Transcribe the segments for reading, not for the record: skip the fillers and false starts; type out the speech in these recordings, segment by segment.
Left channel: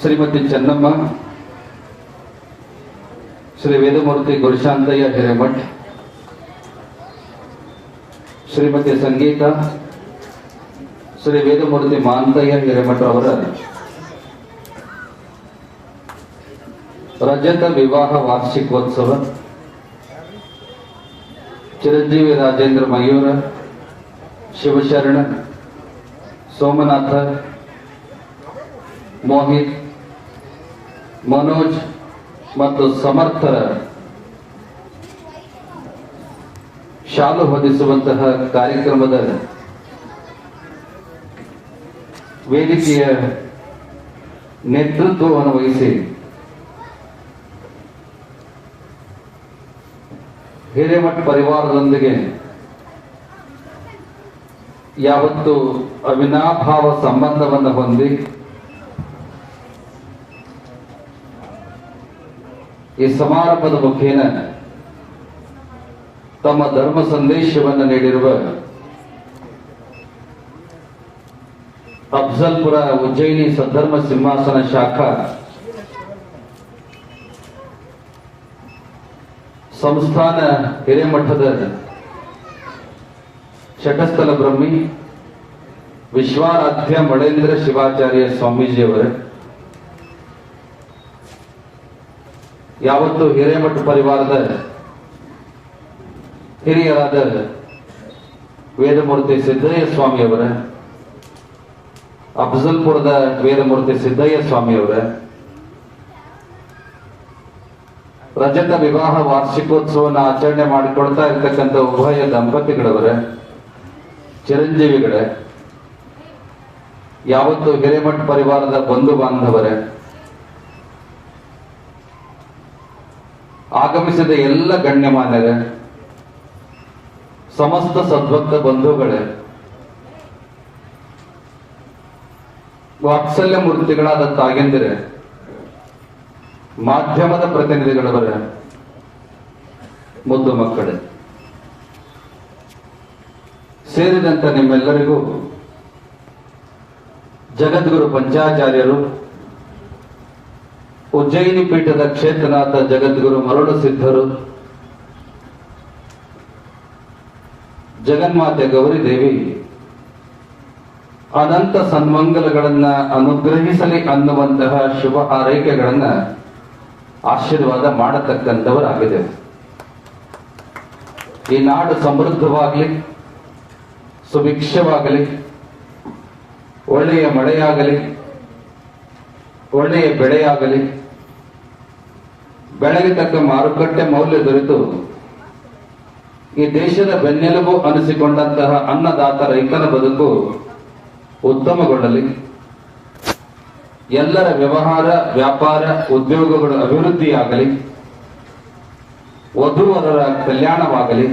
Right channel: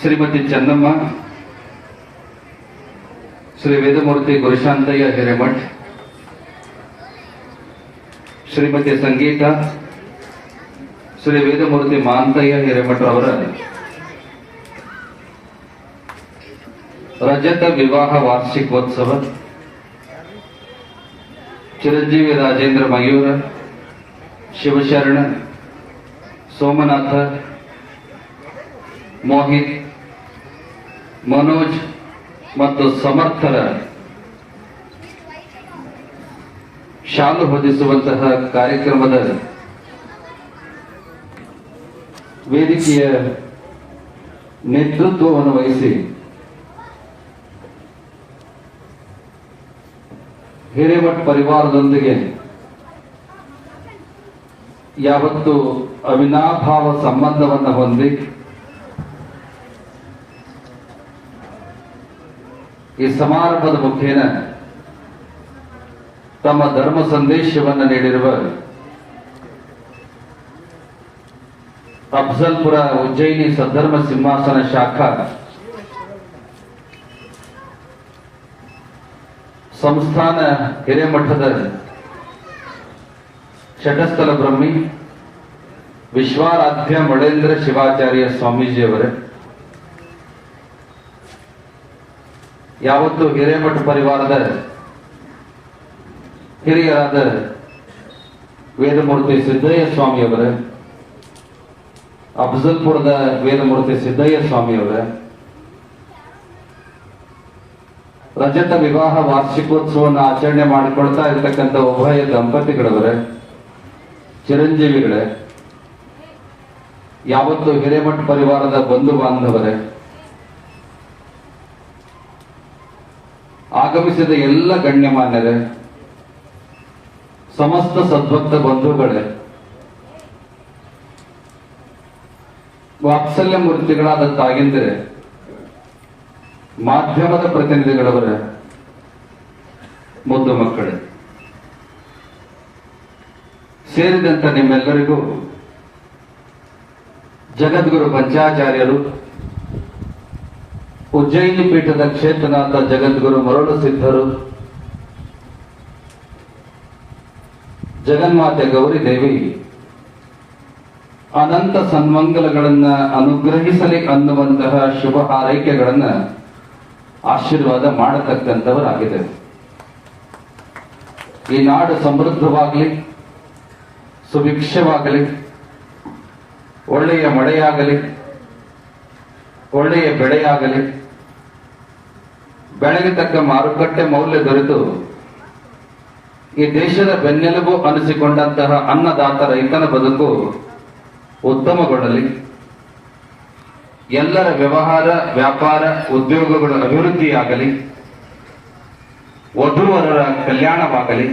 ಶ್ರೀಮತಿ ಚೆನ್ನಮ್ಮ, ಶ್ರೀ ವೇದಮೂರ್ತಿ ಗುರುಶಾಂತಯ್ಯ ಹಿರೇಮಠ್, ಶ್ರೀಮತಿ ಸಂಗೀತ, ಶ್ರೀ ವೇದಮೂರ್ತಿ ಮಹಾಂತಯ್ಯ ಹಿರೇಮಠ್ ಅವರ ರಜತ ವಿವಾಹ ವಾರ್ಷಿಕೋತ್ಸವ, ಚಿರಂಜೀವಿ ರಾಜೇಂದ್ರ ಮಯೂರ, ಶಿವಶರಣ, ಸೋಮನಾಥ, ಮೋಹಿತ್, ಮನೋಜ್ ಮತ್ತು ಸಮರ್ಥರ ಶಾಲು ಹೊದಿಸುವಂತಹ ಕಾರ್ಯಕ್ರಮದ ವೇದಿಕೆಯ ನೇತೃತ್ವವನ್ನು ವಹಿಸಿ ಹಿರೇಮಠ್ ಪರಿವಾರದೊಂದಿಗೆ ಯಾವತ್ತು ಅವಿನಾಭಾವ ಸಂಬಂಧವನ್ನು ಹೊಂದಿ ಈ ಸಮಾರಂಭದ ಮುಖೇನ ತಮ್ಮ ಧರ್ಮ ಸಂದೇಶವನ್ನು ನೀಡಿರುವ ಅಫ್ಜಲ್ಪುರ ಉಜ್ಜಯಿನಿ ಸದ್ಧರ್ಮ ಸಿಂಹಾಸನ ಶಾಖಾ ಸಂಸ್ಥಾನ ಹಿರೇಮಠದ ಶಟಸ್ಥಲ ಬ್ರಹ್ಮಿ ವಿಶ್ವಾರಾಧ್ಯ ಮಳೇಂದ್ರ ಶಿವಾಚಾರ್ಯ ಸ್ವಾಮೀಜಿಯವರ ಯಾವತ್ತು ಹಿರೇಮಠ ಪರಿವಾರದ ಹಿರಿಯರಾದ ವೇದಮೂರ್ತಿ ಸಿದ್ದಯ್ಯ ಸ್ವಾಮಿಯವರ, ಅಫ್ಜಲ್ಪುರದ ವೇದಮೂರ್ತಿ ಸಿದ್ದಯ್ಯ ಸ್ವಾಮಿಯವರ ರಜತ ವಿವಾಹ ವಾರ್ಷಿಕೋತ್ಸವವನ್ನು ಆಚರಣೆ ಮಾಡಿಕೊಳ್ತಾ ಇರ್ತಕ್ಕಂಥ ಉಭಯ ದಂಪತಿಗಳವರ ಚಿರಂಜೀವಿಗಳ, ಯಾವತ್ತು ಹಿರೇಮಠ ಪರಿವಾರದ ಬಂಧು ಬಾಂಧವರ, ಆಗಮಿಸಿದ ಎಲ್ಲ ಗಣ್ಯಮಾನ್ಯರ, ಸಮಸ್ತ ಸದ್ಭಕ್ತ ಬಂಧುಗಳ, ವಾತ್ಸಲ್ಯ ಮೂರ್ತಿಗಳಾದ ತಾಯಂದಿರ, ಮಾಧ್ಯಮದ ಪ್ರತಿನಿಧಿಗಳವರ, ಮುದ್ದು ಮಕ್ಕಳು ಸೇರಿದಂತ ನಿಮ್ಮೆಲ್ಲರಿಗೂ ಜಗದ್ಗುರು ಪಂಚಾಚಾರ್ಯರು, ಉಜ್ಜಯಿನಿ ಪೀಠದ ಕ್ಷೇತ್ರನಾಥ ಜಗದ್ಗುರು ಮರುಳು ಸಿದ್ಧರು, ಜಗನ್ಮಾತೆ ಗೌರಿದೇವಿ ಅನಂತ ಸನ್ಮಂಗಲಗಳನ್ನ ಅನುಗ್ರಹಿಸಲಿ ಅನ್ನುವಂತಹ ಶುಭ ಹಾರೈಕೆಗಳನ್ನ ಆಶೀರ್ವಾದ ಮಾಡತಕ್ಕಂಥವರಾಗಿದೆ. ಈ ನಾಡು ಸಮೃದ್ಧವಾಗಲಿ, ಸುಭಿಕ್ಷವಾಗಲಿ, ಒಳ್ಳೆಯ ಮಳೆಯಾಗಲಿ, ಒಳ್ಳೆಯ ಬೆಳೆಯಾಗಲಿ, ಬೆಳೆಗೆ ತಕ್ಕ ಮಾರುಕಟ್ಟೆ ಮೌಲ್ಯ ದೊರೆತು ಈ ದೇಶದ ಬೆನ್ನೆಲುಬು ಅನಿಸಿಕೊಂಡಂತಹ ಅನ್ನದಾತ ರೈತನ ಬದುಕು ಉತ್ತಮಗೊಳ್ಳಲಿ, ಎಲ್ಲರ ವ್ಯವಹಾರ, ವ್ಯಾಪಾರ, ಉದ್ಯೋಗಗಳು ಅಭಿವೃದ್ಧಿಯಾಗಲಿ, ವಧುವರರ ಕಲ್ಯಾಣವಾಗಲಿ,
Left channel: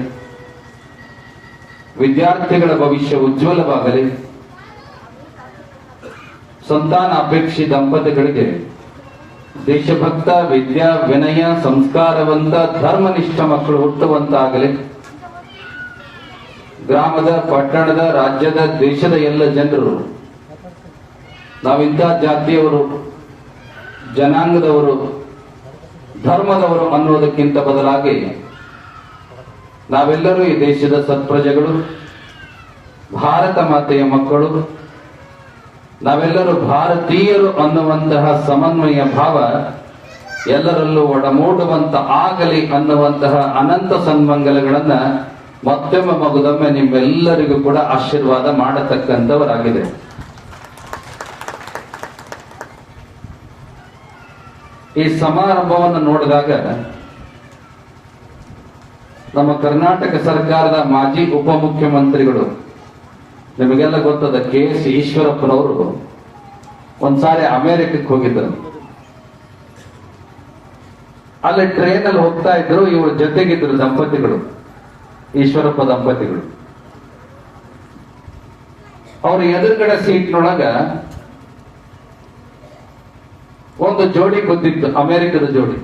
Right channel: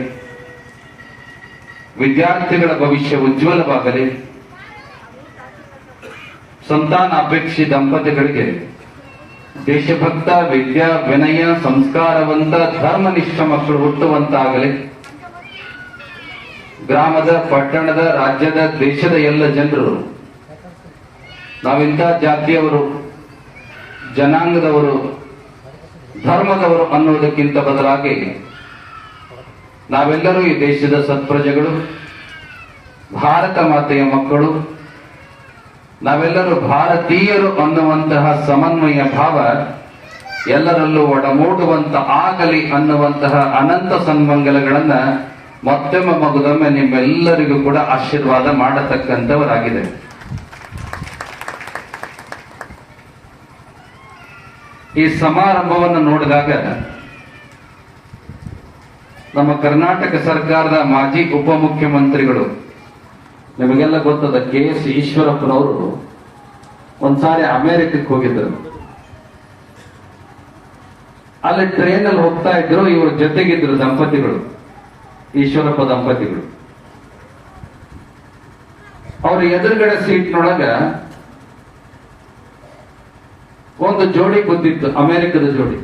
ವಿದ್ಯಾರ್ಥಿಗಳ ಭವಿಷ್ಯ ಉಜ್ವಲವಾಗಲಿ, ಸಂತಾನ ಅಪೇಕ್ಷಿ ದಂಪತಿಗಳಿಗೆ ದೇಶಭಕ್ತ, ವಿದ್ಯಾ ವಿನಯ ಸಂಸ್ಕಾರವಂತ ಧರ್ಮನಿಷ್ಠ ಮಕ್ಕಳು ಹುಟ್ಟುವಂತಾಗಲಿ, ಗ್ರಾಮದ, ಪಟ್ಟಣದ, ರಾಜ್ಯದ, ದೇಶದ ಎಲ್ಲ ಜನರು ನಾವಿಂಥ ಜಾತಿಯವರು, ಜನಾಂಗದವರು, ಧರ್ಮದವರು ಅನ್ನೋದಕ್ಕಿಂತ ಬದಲಾಗಿ ನಾವೆಲ್ಲರೂ ಈ ದೇಶದ ಸತ್ಪ್ರಜೆಗಳು, ಭಾರತ ಮಾತೆಯ ಮಕ್ಕಳು, ನಾವೆಲ್ಲರೂ ಭಾರತೀಯರು ಅನ್ನುವಂತಹ ಸಮನ್ವಯ ಭಾವ ಎಲ್ಲರಲ್ಲೂ ಒಡಮೂಡುವಂತ ಆಗಲಿ ಅನ್ನುವಂತಹ ಅನಂತ ಸನ್ಮಂಗಲಗಳನ್ನ ಮತ್ತೊಮ್ಮೆ ಮಗುದೊಮ್ಮೆ ನಿಮ್ಮೆಲ್ಲರಿಗೂ ಕೂಡ ಆಶೀರ್ವಾದ ಮಾಡತಕ್ಕಂಥವರಾಗಿದೆ. ಈ ಸಮಾರಂಭವನ್ನು ನೋಡಿದಾಗ ನಮ್ಮ ಕರ್ನಾಟಕ ಸರ್ಕಾರದ ಮಾಜಿ ಉಪಮುಖ್ಯಮಂತ್ರಿಗಳು, ನಿಮಗೆಲ್ಲ ಗೊತ್ತದ KS ಈಶ್ವರಪ್ಪನವರು ಒಂದ್ಸಾರಿ ಅಮೆರಿಕಕ್ಕೆ ಹೋಗಿದ್ದರು. ಅಲ್ಲಿ ಟ್ರೈನ್ ಅಲ್ಲಿ ಹೋಗ್ತಾ ಇದ್ರು, ಇವ್ರ ಜೊತೆಗಿದ್ರು ದಂಪತಿಗಳು, ಈಶ್ವರಪ್ಪ ದಂಪತಿಗಳು. ಅವ್ರ ಎದುರುಗಡೆ ಸೀಟ್ನೊಳಗ ಒಂದು ಜೋಡಿ ಕೂತಿತ್ತು, ಅಮೆರಿಕದ ಜೋಡಿ.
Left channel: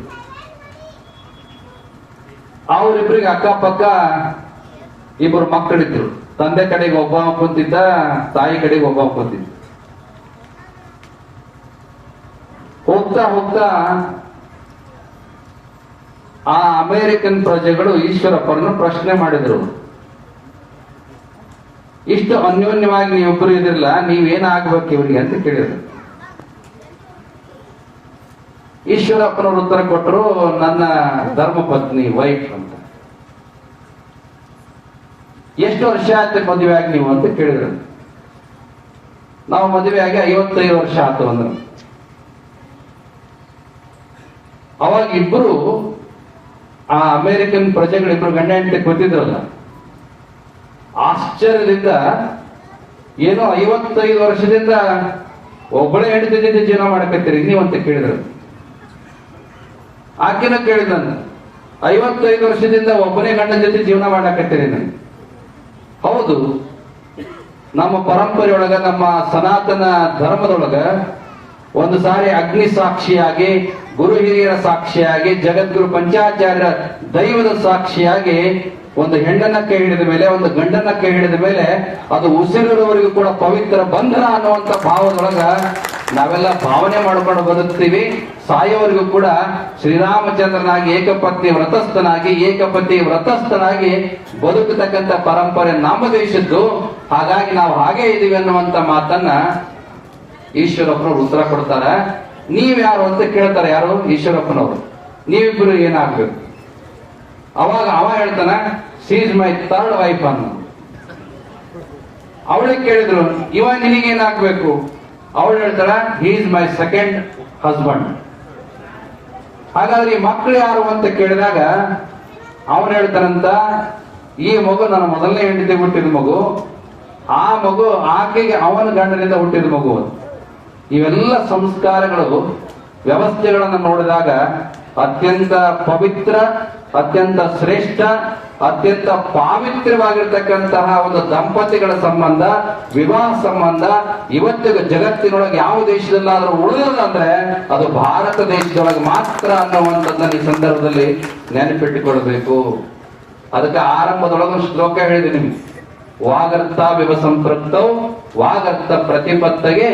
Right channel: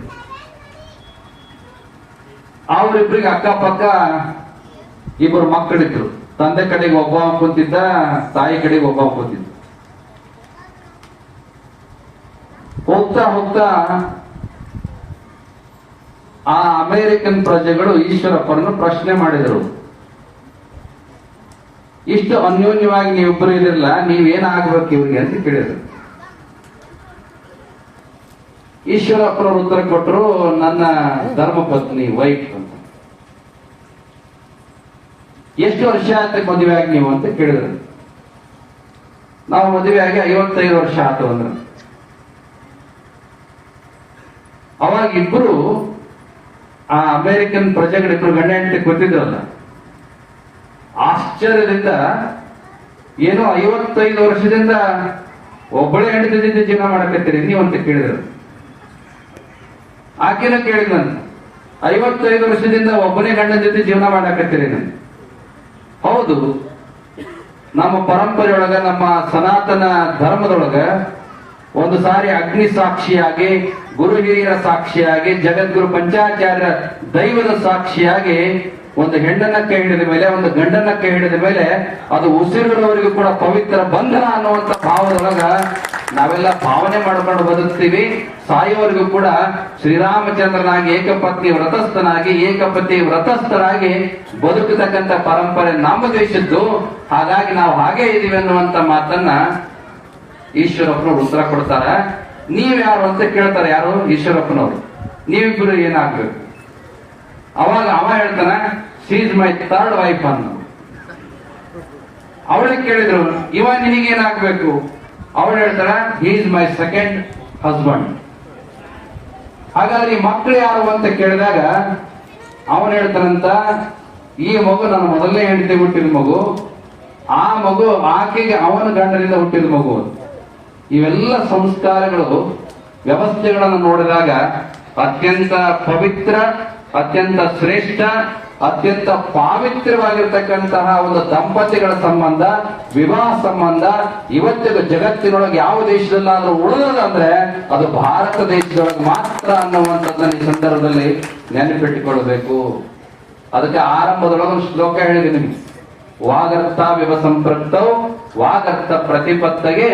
ಅವರಿಬ್ಬರಿಗೆ ಅಕ್ಕಪಕ್ಕ ಇಬ್ಬರು ಮಕ್ಕಳಿದ್ರು. ತಂದೆ ಕಡೆಗೆ ಒಬ್ಬ ಕೂತಿದ್ದ, ತಾಯಿ ಕಡೆಗೆ ಒಬ್ಬ ಕೂತಿದ್ದ. ಹೋಗ್ತಾ ಹೋಗ್ತಾ ಆ ಅಮೆರಿಕನ್ ಪ್ರಜೆಗಳು ಈಶ್ವರಪ್ಪರನ್ನು ಪ್ರಶ್ನೆ ಮಾಡಿದರು. ಇಷ್ಟು ಅನ್ಯೋನ್ಯವಾಗಿ ನೀವಿಬ್ಬರು ಇದಿರಲ್ಲ, ನೀವೇನಾಗ್ಬೇಕು ಇವ್ರಿಗೆ ಅಂತ ಕೇಳಿದ್ರು. ಈಶ್ವರಪ್ಪನವರು ಉತ್ತರ ಕೊಟ್ಟರು, ನನ್ನ ಧರ್ಮಪತ್ನಿ ವೈಫ್ ಅಂತ. ಎಷ್ಟು ವರ್ಷ ಆಯ್ತು ಮದುವೆ ಆಗಿ ನೀವು ಅಂತ ಕೇಳಿದ್ರು. ನಾವು ಮದುವೆ ಆಗಿ 55 ವರ್ಷ ಆಯ್ತು ಅಂದ್ರು. ಅವಾಗ ಇಬ್ಬರು ಆ ಅಮೆರಿಕನ್ ಪ್ರಜೆಗಳಿಬ್ರು ಗಂಡ ಹೆಂಡತಿ ಗೊತ್ತಿದ್ರಲ್ಲ, ಆಶ್ಚರ್ಯದಿಂದ ಏನೋ 55 ವರ್ಷದಿಂದ ಒಬ್ಬಳೇ ಹೆಂಡತಿಯಿಂದ ಜೀವನ ಮಾಡಕತ್ತೀರಿ ನೀವು ಅಂತ ಕೇಳಿದ್ರು. ಆಕೆನ ಕೇಳಿದಂತ, 55 ವರ್ಷದಿಂದ ಒಬ್ಬನೇ ಗಂಡನ ಜೊತೆ ಜೀವನ ಮಾಡಕತ್ತೀರಿ ನಾನು. ಹೌದು, ನಮ್ಮ ಪರಂಪರೆಯೊಳಗ, ನಮ್ಮ ಸನಾತನ ಧರ್ಮದೊಳಗ ಒಂದು ಸಾರಿ ಅಗ್ನಿ ಸಾಕ್ಷಿಯಾಗಿ, ಗುರು ಹಿರಿಯರ ಸಾಕ್ಷಿಯಾಗಿ, ಜಗದ್ಗುರು ಪಂಚಾಚಾರ್ಯರ ದೈವದ ಸಾಕ್ಷಿಯಾಗಿ ಒಂದು ಹೆಣ್ಣನ್ನ ಕೈ ಹಿಡಿದ ಮೇಲೆ, ಒಂದು ಗಂಡನ್ನ ಕೈ ಹಿಡಿದ ಮೇಲೆ ಅದು ಉಸಿರಿರುವವರೆಗೂ ಕೂಡ ಪವಿತ್ರ ಬಂಧನ ಅನ್ನುವಂತ ಭಾವದೊಳಗ ನಾವೆಲ್ಲ ಭಾವನೆ ಮಾಡ್ಕೊಂಡು ಬದುಕ್ತೀವಿ. ಸಾಯೋವರೆಗೂ ಕೂಡ ಶ್ರೀರಾಮಚಂದ್ರನಾಗಿ ಏಕಪತ್ನಿ ವ್ರತಸ್ಥನಾಗಿ, ಏಕಪತಿ ವ್ರತಸ್ಥರಾಗಿ ಬದುಕತಕ್ಕಂಥ ಪರಂಪರೆ ನಮ್ಮ ದೇಶದ್ದು. ಹಾಗಾಗಿ ನಾವು ಹಾಗೆ ಇದೀವಿ ಅನ್ನುವಂತ ಮಾತನ್ನ ಈಶ್ವರಪ್ಪನವ್ರು ಉತ್ತರ ಕೊಡ್ತಾರ. ನೀವ್ಯಾರು ಅಂತ ಕೇಳ್ತಾರೆ. ಯಾರು? ಈಶ್ವರಪ್ಪನವರು. ನೀವಿಬ್ಬರು ಏನಾಗ್ಬೇಕು? ಅವಾಗ ಅವ ಹೇಳ್ತಾನ, she is my third wife ಅನ್ನು. ಅವಳಿಗೆ ಕೇಳಿದ್ರು, ಇವ ನಿನಗೇನಾಗ್ಬೇಕು? ಅವಳು ಹೇಳ್ತಾರ, he is my second husband. ಹಾಗಾದ್ರೆ ಈ ಮಕ್ಕಳು ಯಾರು ಅಂತ ಕೇಳಿದಾಗ ಅವನು ಹೇಳ್ತಾನಂತ, ಈ ಮಗು ನನ್ನ ಮೊದಲನೇ ಹೆಂಡತಿ ಹುಟ್ಟಿದ ಮಗು, ಆ ಮಗು ಆಕೆಗೆ ಅವನ ಗಂಡನಿಂದ ಹುಟ್ಟಿದ ಮಗು. ಇವೆಲ್ಲ ಸಂಸ್ಕಾರಗಳು, ವ್ಯವಸ್ಥೆಗಳನ್ನು ನೋಡಿದಾಗ ಅತ್ಯಂತ ಪವಿತ್ರ, ಅತ್ಯಂತ ಶ್ರೇಷ್ಠ, ಅತ್ಯಂತ ಪಾವಿತ್ರ್ಯವಾಗಿರ್ತಕ್ಕಂತಹ ಒಂದು ದಂಪತಿಗಳ ಸಂಬಂಧ, ವಿವಾಹ ಸಂಬಂಧ ಇವತ್ತಿಗೂ ಜಗತ್ತಿನೊಳಗೆ ಯಾವ ದೇಶದಲ್ಲಾದ್ರೂ ಉಳಿದಂದ್ರೆ ಅದು ಭಾರತ ದೇಶದೊಳಗೆ ಮಾತ್ರ ಅನ್ನುವಂಥದ್ದನ್ನ ಈ ಸಂದರ್ಭದಲ್ಲಿ ನೆನಪಿಟ್ಟುಕೊಳ್ಬೇಕು. ಅದಕ್ಕೆ ಆರಂಭದೊಳಗೆ ಒಂದು ಶ್ಲೋಕ ಹೇಳಿದೆ ನಿಮ್ಗೆ, ವಾಗರ್ಥ ವಿವ ಸಂಪೃಕ್ತೌ ವಾಗರ್ಥ ಪ್ರತಿಪತ್ತಗೆ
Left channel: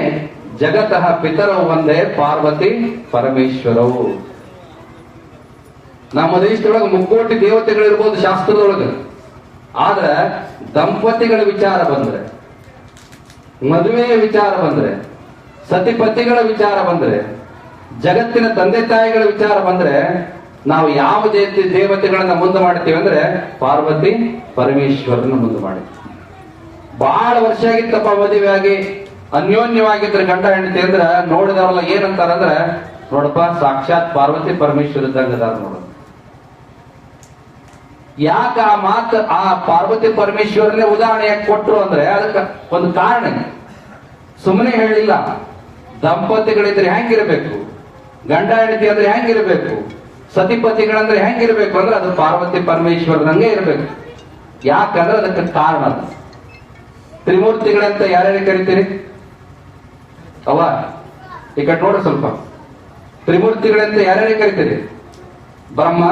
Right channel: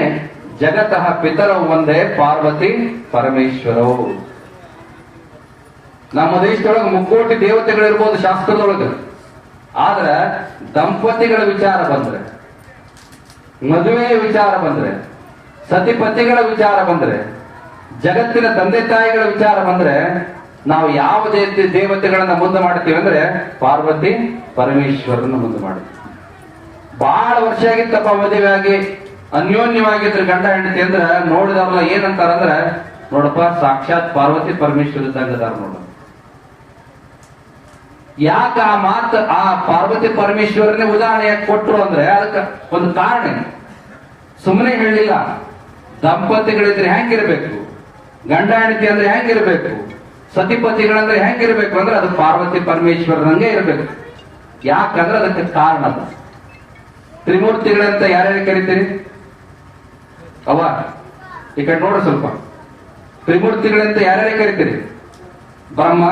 ಜಗತಃ ಪಿತರವು ಒಂದೇ ಪಾರ್ವತಿ ಪರಮೇಶ್ವರವು. ನಮ್ಮ ದೇಶದೊಳಗೆ ಮುಕ್ಕೋಟಿ ದೇವತೆಗಳಿರ್ಬೋದು ಶಾಸ್ತ್ರದೊಳಗೆ, ಆದ್ರೆ ದಂಪತಿಗಳ ವಿಚಾರ ಬಂದ್ರೆ, ಮದುವೆಯ ವಿಚಾರ ಬಂದ್ರೆ, ಸತಿಪತಿಗಳ ವಿಚಾರ ಬಂದ್ರೆ, ಜಗತ್ತಿನ ತಂದೆ ತಾಯಿಗಳ ವಿಚಾರ ಬಂದ್ರೆ ನಾವು ಯಾವ ದೇವತೆಗಳನ್ನ ಮುಂದೆ ಮಾಡ್ತೀವಿ ಅಂದ್ರೆ ಪಾರ್ವತಿ ಪರಮೇಶ್ವರನ ಮುಂದೆ ಮಾಡ್ತೀವಿ. ಬಹಳ ವರ್ಷ ಆಗಿತ್ತಪ್ಪ ಮದುವೆ ಆಗಿ, ಅನ್ಯೋನ್ಯವಾಗಿದ್ರೆ ಗಂಡ ಹೆಂಡತಿ ಅಂದ್ರೆ ನೋಡಿದವರೆಲ್ಲ ಏನಂತಾರಂದ್ರೆ, ನೋಡಪ್ಪ ಸಾಕ್ಷಾತ್ ಪಾರ್ವತಿ ಪರಮೇಶ್ವರ ಇದ್ದಂಗದಾರ ನೋಡು. ಯಾಕೆ ಆ ಮಾತು ಆ ಪಾರ್ವತಿ ಪರಮೇಶ್ವರನೇ ಉದಾಹರಣೆ ಯಾಕೆ ಕೊಟ್ರು ಅಂದ್ರೆ ಅದಕ್ಕೆ ಒಂದು ಕಾರಣ. ಸುಮ್ಮನೆ ಹೇಳಲಿಲ್ಲ. ದಂಪತಿಗಳಿದ್ರೆ ಹೆಂಗಿರ್ಬೇಕು, ಗಂಡ ಹೆಂಡತಿ ಅಂದ್ರೆ ಹೆಂಗಿರ್ಬೇಕು, ಸತಿಪತಿಗಳಂದ್ರೆ ಹೆಂಗಿರ್ಬೇಕು ಅಂದ್ರೆ ಅದು ಪಾರ್ವತಿ ಪರಮೇಶ್ವರನಂಗೆ ಇರ್ಬೇಕು. ಯಾಕಂದ್ರೆ ಅದಕ್ಕೆ ಕಾರಣ. ತ್ರಿಮೂರ್ತಿಗಳಂತ ಯಾರ್ಯಾರು ಕರಿತೀರಿ? ಅವ ಈ ಕಡೆ ನೋಡ ಸ್ವಲ್ಪ. ತ್ರಿಮೂರ್ತಿಗಳಂತ ಯಾರ್ಯಾರು ಕರಿತೀರಿ? ಬ್ರಹ್ಮ,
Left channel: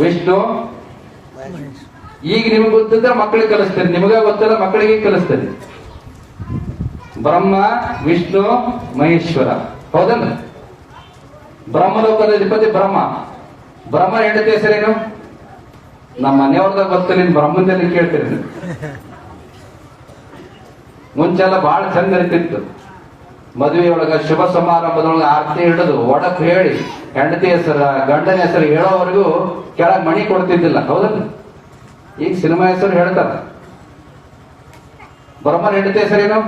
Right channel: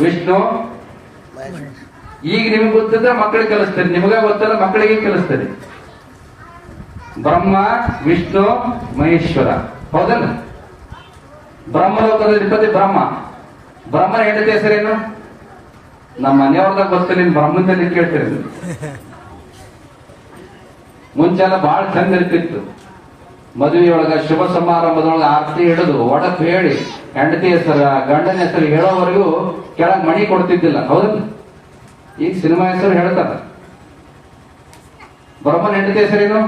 ವಿಷ್ಣು. ಈಗ ನಿಮ್ಗೆ ಗೊತ್ತಿದ್ರೆ ಮಕ್ಕಳಿಗೆ ಕಲಿಸ್ತೀರಿ, ನಿಮಗ ಗೊತ್ತಿಲ್ಲ ಮಕ್ಕಳಿಗೆ ಕಲಿಸ್ತೀರಿ. ಬ್ರಹ್ಮ, ವಿಷ್ಣು, ಮಹೇಶ್ವರ. ಹೌದಲ್ಲ? ಬ್ರಹ್ಮಲೋಕದ ಅಧಿಪತಿ ಬ್ರಹ್ಮ. ಬ್ರಹ್ಮನ ಹೆಂಡತಿ ಹೆಸರೇನು? ನಮ್ಮ ಮನೆಯವ್ರದಾಗ ಗೊತ್ತಿಲ್ಲ, ನಿಮ್ ಬ್ರಹ್ಮನಲ್ಲಿ ಕೇಳ್ತೀರಿ. ಮುಂಚೆಲ್ಲ ಬಹಳ ಚಂದ ಇರ್ತಿತ್ತು. ಮದುವೆಯೊಳಗ ಶುಭ ಸಮಾರಂಭದೊಳಗ ಆರತಿ ಹಿಡಿದು ಒಡಕ್ ಹೇಳಿ ಹೆಂಡತಿ ಹೆಸರ ಗಂಡನ ಹೆಸರು ಹೇಳೋವರೆಗೂ ಕೆಳಗೆ ಮಣಿ ಕೊಡ್ತಿದ್ದಿಲ್ಲ. ಹೌದಲ್ಲ? ಈಗ ಸಿನಿಮಾ ಹೆಸರು ಹೇಳ್ತಾರ. ಬ್ರಹ್ಮನ ಹೆಂಡತಿ ಹೆಸರೇನು?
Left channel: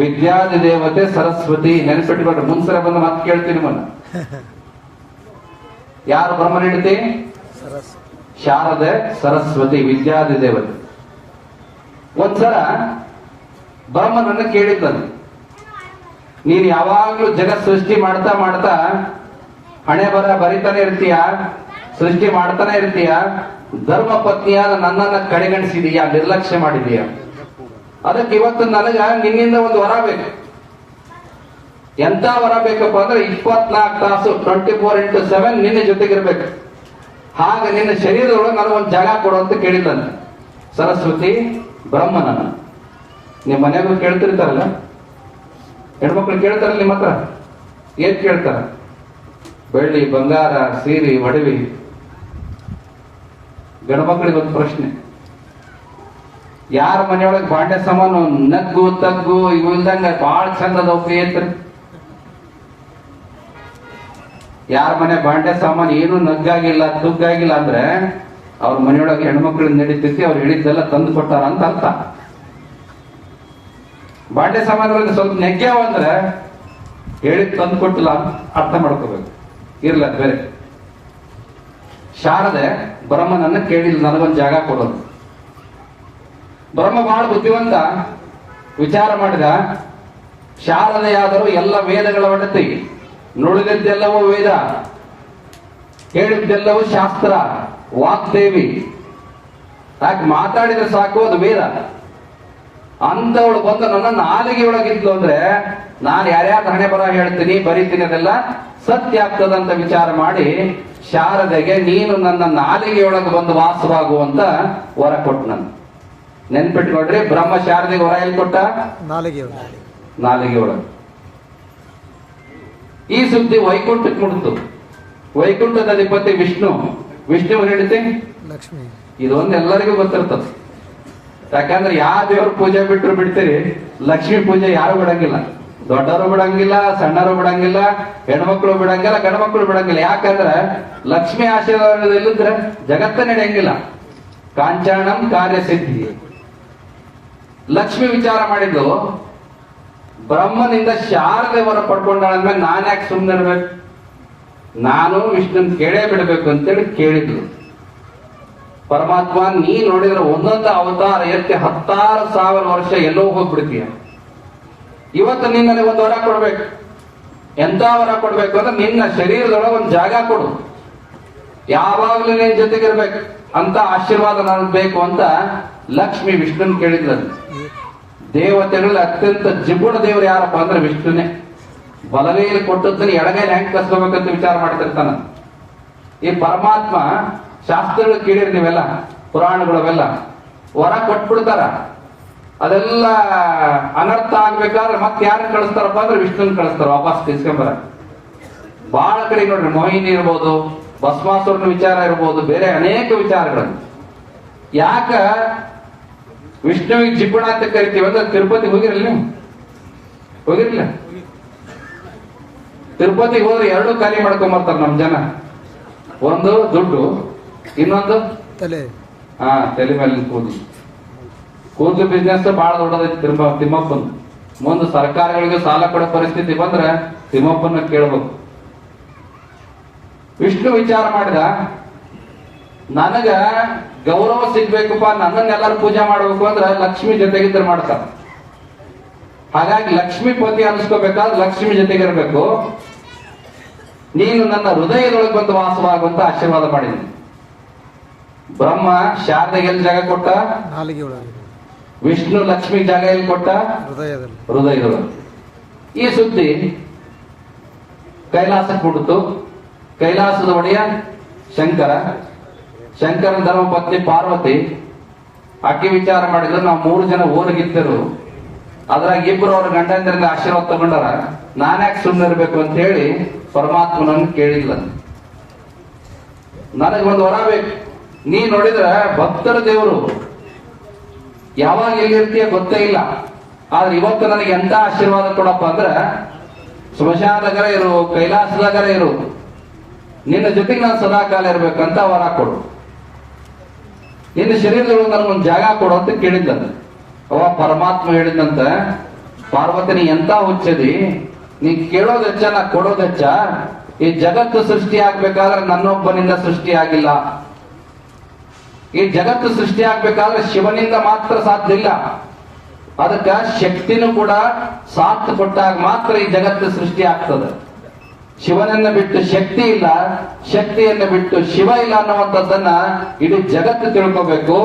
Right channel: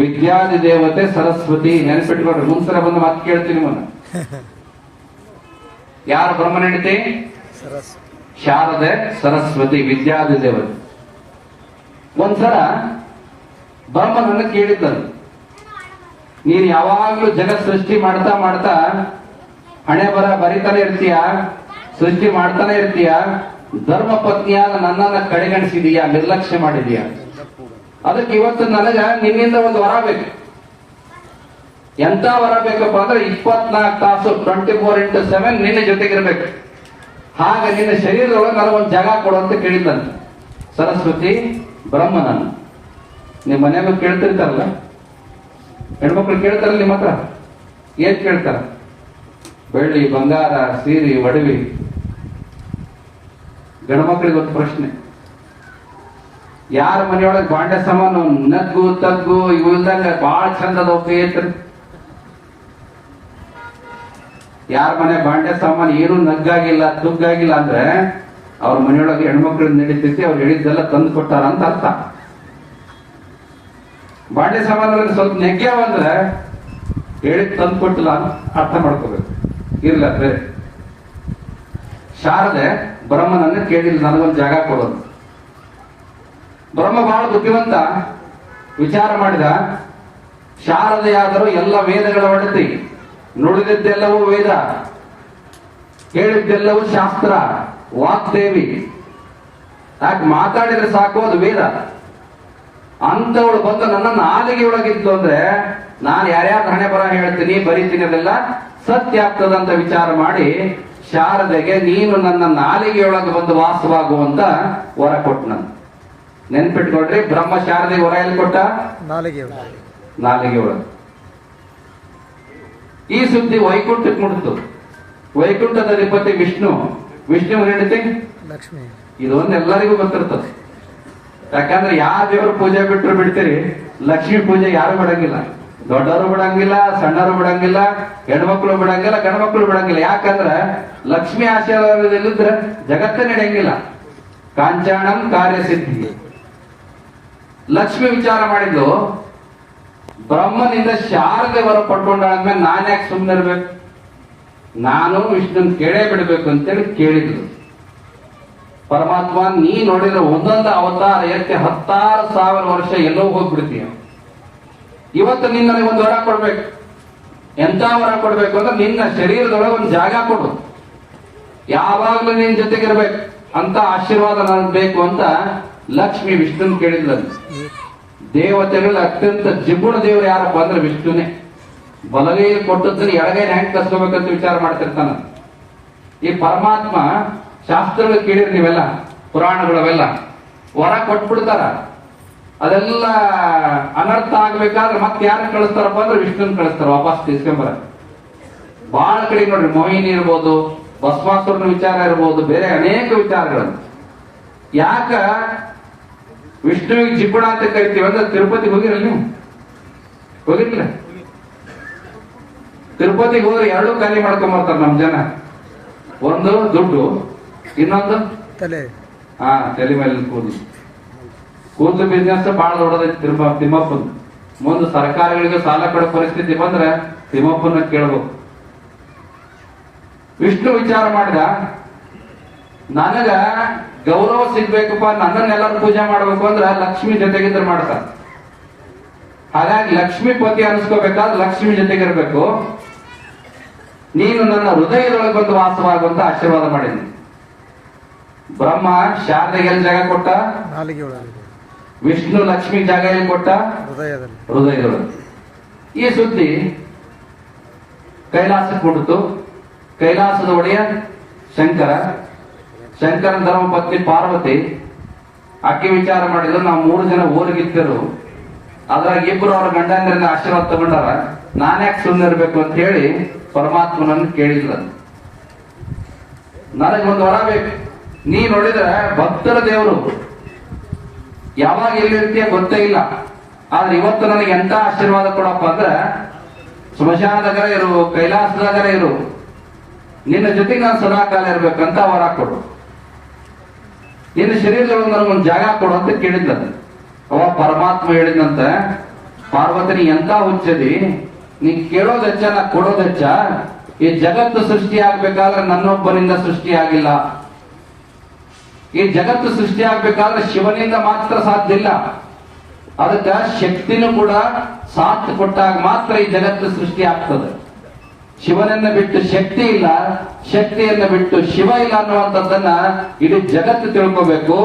ವಿದ್ಯಾದಿ ದೇವತೆ ಸರಸ್ವತಿ. ನೆನಪಿಟ್ಕೊಡ್ರಿ, ಮುಂದ್ಸಲ ಬಂದು ಮಾತು ಕೇಳ್ತೀನಿ ಮನ. ಯಾರು ಬ್ರಹ್ಮನ ಹೆಂಡತಿ? ಶಾರದೆ ಸರಸ್ವತಿ, ವಿದ್ಯಾದಿ ದೇವತೆ. ಒಂದ್ಸಲ ಬ್ರಹ್ಮನನ್ನು ಕೇಳಿದ್ದನು, ನೀನು ಯಾವಾಗ್ಲೂ ಜಗತ್ ಸೃಷ್ಟಿ ಮಾಡ್ತಾ ಮಾಡ್ತಾ ಹಣೆ ಬರ ಬರಿತಾನೆ ಇರ್ತೀಯ, ಸೃಷ್ಟಿ ಮಾಡ್ತಾನೆ ಇರ್ತೀಯ, ಧರ್ಮ ಪತ್ನಿಯಾದ ನನ್ನನ್ನ ಕಡೆಗಣಿಸಿದೀಯಾ, ನಿರ್ಲಕ್ಷ್ಯ ಮಾಡಿದೀಯ. ಅದಕ್ಕೆ ಇವತ್ತು ನನಗ ನಿನ್ನಿಂದ ಒಂದು ವರ ಬೇಕು. ಎಂತ ವರ ಬೇಕಪ್ಪ ಅಂದ್ರೆ 24 ತಾಸು 24x7 ನಿನ್ನ ಜೊತೆಗಿರ್ಬೇಕು. ಹಾಗ ನಿನ್ನ ಶರೀರದೊಳಗೆ ನನಗೊಂದು ಜಾಗ ಕೊಡು ಅಂತ ಕೇಳಿದ್ದಾನೆ ಸರಸ್ವತಿ ಬ್ರಹ್ಮನನ್ನ. ನಿಮ್ಮ ಮನೆಗೂ ಕೇಳ್ತಿರ್ತಾರಲ್ಲ, ಹೆಣ್ಮಕ್ಳು ಕೇಳ್ತಾರ ನಿಮ್ಮ ಹತ್ರ? ಏನ್ ಕೇಳ್ತಾರ? ಬೆಳ್ಳಿ, ಬಂಗಾರ, ಸೀರೆ, ಒಡವಿ. ಗಂಡ್ಮಕ್ಳಿಗೆ ಒಂದು ಪ್ರಶ್ನೆ, ಯಾರ ಮನೆಯೊಳಗೆ ಬಾಂಡೆ ಸಾಮಾನು ನಗ್ಗು ತಗ್ಗು ಇವು ಇಲ್ದಂಗ ಬಹಳ ಚಂದದ ಒಪ್ಪಿ ಐತ್ರಿ? ಯಾರ ಮನೆ ಬಾಂಡೆ ಸಾಮಾನು ಏನು ನಗ್ಗಾಗಿಲ್ಲ ತುಗ್ಗಾಗಿಲ್ಲ ಅಂದ್ರೆ ಅವ್ರ ಮನೆಯೊಳಗೆ ಹೆಣ್ಮಕ್ಳು ನಡೀತೈತಿ, ಅವ್ರು ಹೇಳಿದ್ದೆಲ್ಲ ತಂದು ಕೊಟ್ಟಾರ ಅಂತ ಅರ್ಥ. ಬಾಂಡೆ ಸಾಮಾನುಗಳಿಗೆ ಸ್ವಲ್ಪ ನೆಗ್ಗ್ಯಾವ ಅಂದ್ರೆ ಹೇಳಿದ್ ತಂದು ಕೊಟ್ಟಿಲ್ಲ ಅಂತ ಅರ್ಥ ಮಾಡ್ಕೋಬೇಕು. ಇರ್ಲ ಬೇರೆ. ಶಾರದೆ ಬ್ರಹ್ಮನನ್ನ ಕೇಳಿಲ್ಲ, ನನಗೊಂದು ಜಾಗ ಕೊಡೋದು. ಬ್ರಹ್ಮ ಬಹಳ ಬುದ್ಧಿವಂತ, ವಿಚಾರ ಮಾಡಿದ. ಶಾರದೆಯಾದರೂ ಎಲ್ಲ ವೇದಗಳ ಒಡತಿ, ನುಡಿದಿದ್ದೆಲ್ಲವೂ ವೇದ, ಹೇಳಿದ್ದೆಲ್ಲವೂ ಶಾಸ್ತ್ರ, ವಾಗ್ದೇವಿ. ಯಾಕೆ ಮಾತಾಡಿದ್ರೆ ಸಾಕು ಅದು ವೇದ. ಅಂತವಳು ಬಂದು ನನ್ನ ನಾಲಿಗೆ ಒಳಗಿದ್ಲು ಅಂದ್ರೆ ನಾನು ಯಾರ್ಯಾರ ಹಣೆ ಬರ ಹೇಳ್ತೀನಿ ಬರೀತೀನಿ ಅದೆಲ್ಲ ಸತ್ಯ ಆಗ್ತದಂತ ವಿಚಾರ ಮಾಡಿ ಶಾರದೆಗೆ ನೀನು ನನ್ನ ನಾಲಿಗೆಯೊಳಗೆ ಬಂದು ವಾಸವಾಗುವಂತ ವರ ಕೊಟ್ಟು ನಾನು. ನೆನ್ಪಿಟ್ಕೊಡ್ರಿ, ಬ್ರಹ್ಮ ಶಾರದೆಗೆ ವರ ಎಲ್ಲಿ ಕೊಟ್ಟ? ನಾಲಿಗೆಯೊಳಗೆ. ಈ ಸುದ್ದಿ ವೈಕುಂಠಕ್ಕೆ ಮುಡ್ತು. ವೈಕುಂಠದ ಅಧಿಪತಿ ವಿಷ್ಣು, ವಿಷ್ಣು ಹೇಳಿದೆ ಲಕ್ಷ್ಮಿ. ಇದೊಂದು ಎಲ್ಲರಿಗೂ ಗೊತ್ತಿರ್ತದೆ. ಯಾಕಂದ್ರೆ ಯಾವ ದೇವ್ರ ಪೂಜೆ ಬಿಟ್ಟರು ಬಿಡ್ತೀರಿ, ಲಕ್ಷ್ಮೀ ಪೂಜೆ ಯಾರು ಬಿಡಂಗಿಲ್ಲ. ದೊಡ್ಡವರು ಬಿಡಂಗಿಲ್ಲ, ಸಣ್ಣರು ಬಿಡಂಗಿಲ್ಲ, ಹೆಣ್ಮಕ್ಳು ಬಿಡಂಗಿಲ್ಲ, ಗಂಡ್ಮಕ್ಳು ಬಿಡಂಗಿಲ್ಲ. ಯಾಕಂದ್ರೆ ಲಕ್ಷ್ಮಿ ಆಶೀರ್ವಾದ ಇಲ್ಲದ್ರೆ ಜಗತ್ತ ನಡೆಯಂಗಿಲ್ಲ. ಕಾಂಚಾಣಂ ಕಾರ್ಯಸಿದ್ಧಿ. ಲಕ್ಷ್ಮಿ ವಿಚಾರ ಮಾಡಿದ್ದು, ಬ್ರಹ್ಮನಿಂದ ಶಾರದೆ ವರ ಪಡ್ಕೊಂಡಾದ್ಮೇಲೆ ನಾನು ಯಾಕೆ ಸುಮ್ಮನೆ ಇರ್ಬೇಕು, ನಾನು ವಿಷ್ಣುನ್ ಕೇಳೇ ಬಿಡ್ಬೇಕು ಅಂತೇಳಿ ಕೇಳಿದ್ರು. ಪರಮಾತ್ಮ, ನೀ ನೋಡಿದ್ರೆ ಒಂದೊಂದು ಅವತಾರ ಎತ್ತಿ 10,000 ವರ್ಷ ಎಲ್ಲೋ ಹೋಗ್ಬಿಡ್ತೀಯ. ಇವತ್ತು ನೀನ್ ನನಗೆ ಒಂದು ವರ ಕೊಡ್ಬೇಕು. ಎಂತ ವರ ಕೊಡ್ಬೇಕು ಅಂದ್ರೆ ನಿನ್ನ ಶರೀರದೊಳಗೆ ಒಂದು ಜಾಗ ಕೊಡು, ಯಾವಾಗ್ಲೂ ನಿನ್ ಜೊತೆಗಿರ್ಬೇಕು ಅಂತ ಆಶೀರ್ವಾದ ನನಗೆ ಬೇಕು ಅಂತ ಲಕ್ಷ್ಮಿ ವಿಷ್ಣುನ್ ಕೇಳಿದ್ಲು. ದೇವತೆಗಳಲ್ಲಿ ಅತ್ಯಂತ ಜಿಗುಣ ದೇವರು ಯಾರಪ್ಪ ಅಂದ್ರೆ ವಿಷ್ಣುನೇ. ಬಲಗೈಯಲ್ಲಿ ಕೊಟ್ಟದ್ದನ್ನ ಎಡಗೈಲಿ ಹೆಂಗ್ ಕಸ್ಕೋಬೇಕಂತ ವಿಚಾರ ಮಾಡ್ತಿರ್ತಾನ. ಈ ಪರಮಾತ್ಮ ಶಾಸ್ತ್ರಗಳು ಕೇಳಿರಿ ನೀವೆಲ್ಲ, ಪುರಾಣಗಳವೆಲ್ಲ ವರ ಕೊಟ್ಬಿಡ್ತಾರ. ಅದೆಲ್ಲ ಅನರ್ಥ ಆಗ್ಬೇಕಾದ್ರೆ ಮತ್ತೆ ಯಾರನ್ನ ಕಳಿಸ್ತಾರಪ್ಪ ಅಂದ್ರೆ ವಿಷ್ಣುನ್ ಕಳಿಸ್ತಾರ ವಾಪಸ್ ತಿಳ್ಸ್ಕೊಂಬರ. ಬಹಳ ಕಡೆ ನೋಡ್ರಿ, ಮೋಹಿನಿ ಇರ್ಬೋದು, ಭಸ್ಮಾಸುರನ ವಿಚಾರ ಇರ್ಬೋದು, ಬೇರೆ ಅನೇಕ ವಿಚಾರಗಳನ್ನು. ಯಾಕ ವಿಷ್ಣುವಿಗೆ ಜಿಗುಣ ಅಂತ ಕರಿತೀವಿ ಅಂದ್ರೆ, ತಿರುಪತಿ ಹೋಗಿರಲ್ಲ ನೀವು? ಹೋಗಿರ್ಲಿಲ್ಲ? ತಿರುಪತಿಗೆ ಹೋದ್ರೆ ಎರಡೂ ಖಾಲಿ ಮಾಡ್ಕೊಂಬರ್ತಾರ ನಮ್ ಜನ. ಒಂದು ದುಡ್ಡು, ಇನ್ನೊಂದು ತಲೆ. ತಲೆ ಮೇಲೆ ಕೂದಲು ಬಿಸ್ನೆಸ್ ಬಹಳ ದೊಡ್ಡದೈತಿ ತಿಮ್ಮಪ್ಪನ್. ಮುಂದೆ ಸರ್ಕಾರಗಳಿಗೆ ಸಾಲ ಕೊಡೋ ಪರಿಸ್ಥಿತಿ ಬಂದ್ರೆ ತಿಮ್ಮಪ್ಪನ ಕೇಳಬೇಕು. ವಿಷ್ಣು ವಿಚಾರ ಮಾಡಿದ, ನನಗ ಗೌರವ ಸಿಗ್ಬೇಕಪ್ಪ, ನನ್ನನ್ನೆಲ್ಲರೂ ಪೂಜೆ ಮಾಡ್ಬೇಕು ಅಂದ್ರೆ ಲಕ್ಷ್ಮಿ ಜೊತೆಗಿದ್ರೆ ಮಾಡ್ತಾರೆ. ಹಾಗಾಗಿ ಲಕ್ಷ್ಮೀ ಪತಿ ಅನಿಸ್ಕೋಬೇಕಾದ್ರೆ ಲಕ್ಷ್ಮಿ ಜೊತೆಗಿರ್ಬೇಕು. ನೀನು ನನ್ನ ಹೃದಯದೊಳಗೆ ಬಂದು ವಾಸವಾಗುವಂತ ಆಶೀರ್ವಾದ ಮಾಡಿದ್ನಿ. ಬ್ರಹ್ಮ ಶಾರದೆಗೆ ಎಲ್ಲಿ ಜಾಗ ಕೊಟ್ಟ? ನಾಲಿಗೆ ಒಳಗೆ. ವಿಷ್ಣು ಲಕ್ಷ್ಮಿ ಜಾಗ ಎಲ್ಲಿ ಕೊಟ್ಟ? ಹೃದಯದೊಳಗೆ. ಈ ಸುದ್ದಿ ಕೈಲಾಸಕ್ಕೆ ಹುಟ್ಟಿತು. ಕೈಲಾಸದ ಒಡೆಯ ಶಂಕರ, ಶಂಕರನ ಧರ್ಮ ಪತ್ನಿ ಪಾರ್ವತಿ. ಅಕ್ಕಿ ವಿಚಾರ ಮಾಡಿದ್ರು, ನಾವು 3 ಜನ ಓರಿಗಿದ್ದರು, ಅದ್ರಾಗ ಇಬ್ರು ಅವ್ರ ಗಂಡಂದ್ರಿಂದ ಆಶೀರ್ವಾದ ತಗೊಂಡಾರ, ನಾನ್ಯಾಕೆ ಸುಮ್ಮನೆ ಇರ್ಬೇಕು ಅಂತ ಹೇಳಿ ಪರಮಾತ್ಮನನ್ನು ಕೇಳಿಲ್ಲ. ನನಗೊಂದು ವರ ಬೇಕು. ನೀ ನೋಡಿದ್ರೆ ಭಕ್ತರ ದೇವರು, ಯಾವಾಗ ಎಲ್ಲಿರ್ತೀಯ ಗೊತ್ತೇ ಇಲ್ಲ. ಆದ್ರೆ ಇವತ್ತು ನನಗೆ ಎಂತ ಆಶೀರ್ವಾದ ಕೊಡಪ್ಪ ಅಂದ್ರೆ, ಸ್ಮಶಾನದಾಗರ ಇರು, ಕೈಲಾಸದಾಗರ ಇರು, ನಿನ್ನ ಜೊತೆಗೆ ನಾನು ಸದಾಕಾಲ ಇರ್ಬೇಕಂತ ವರ ಕೊಡು. ನಿನ್ನ ಶರೀರದೊಳಗೆ ನನಗೊಂದು ಜಾಗ ಕೊಡು ಅಂತ ಕೇಳಿದ್ದ. ಅವ ಪರಮಾತ್ಮ ಹೇಳಿದಂತ, ಪಾರ್ವತಿ ನೀ ಎಂತ ಹುಚ್ಚದಿ, ನೀ ಕೇಳೋದ್ ಹೆಚ್ಚ, ನಾ ಕೊಡೋದ್ ಹೆಚ್ಚ. ಈ ಜಗತ್ತು ಸೃಷ್ಟಿ ಆಗ್ಬೇಕಾದ್ರೆ ನನ್ನೊಬ್ಬನಿಂದ ಸೃಷ್ಟಿ ಆಗಿಲ್ಲ. ಈ ಜಗತ್ತು ಸೃಷ್ಟಿ ಆಗ್ಬೇಕಾದ್ರೆ ಶಿವನಿಂದ ಮಾತ್ರ ಸಾಧ್ಯ ಇಲ್ಲ. ಅದಕ್ಕ ಶಕ್ತಿನೂ ಕೂಡ ಸಾಥ್ ಕೊಟ್ಟಾಗ ಮಾತ್ರ ಈ ಜಗತ್ತು ಸೃಷ್ಟಿ ಆಗ್ತದೆ. ಶಿವನನ್ನ ಬಿಟ್ಟು ಶಕ್ತಿ ಇಲ್ಲ, ಶಕ್ತಿಯನ್ನ ಬಿಟ್ಟು ಶಿವ ಇಲ್ಲ ಅನ್ನುವಂಥದ್ದನ್ನ ಇಡೀ ಜಗತ್ತು ತಿಳ್ಕೋಬೇಕು.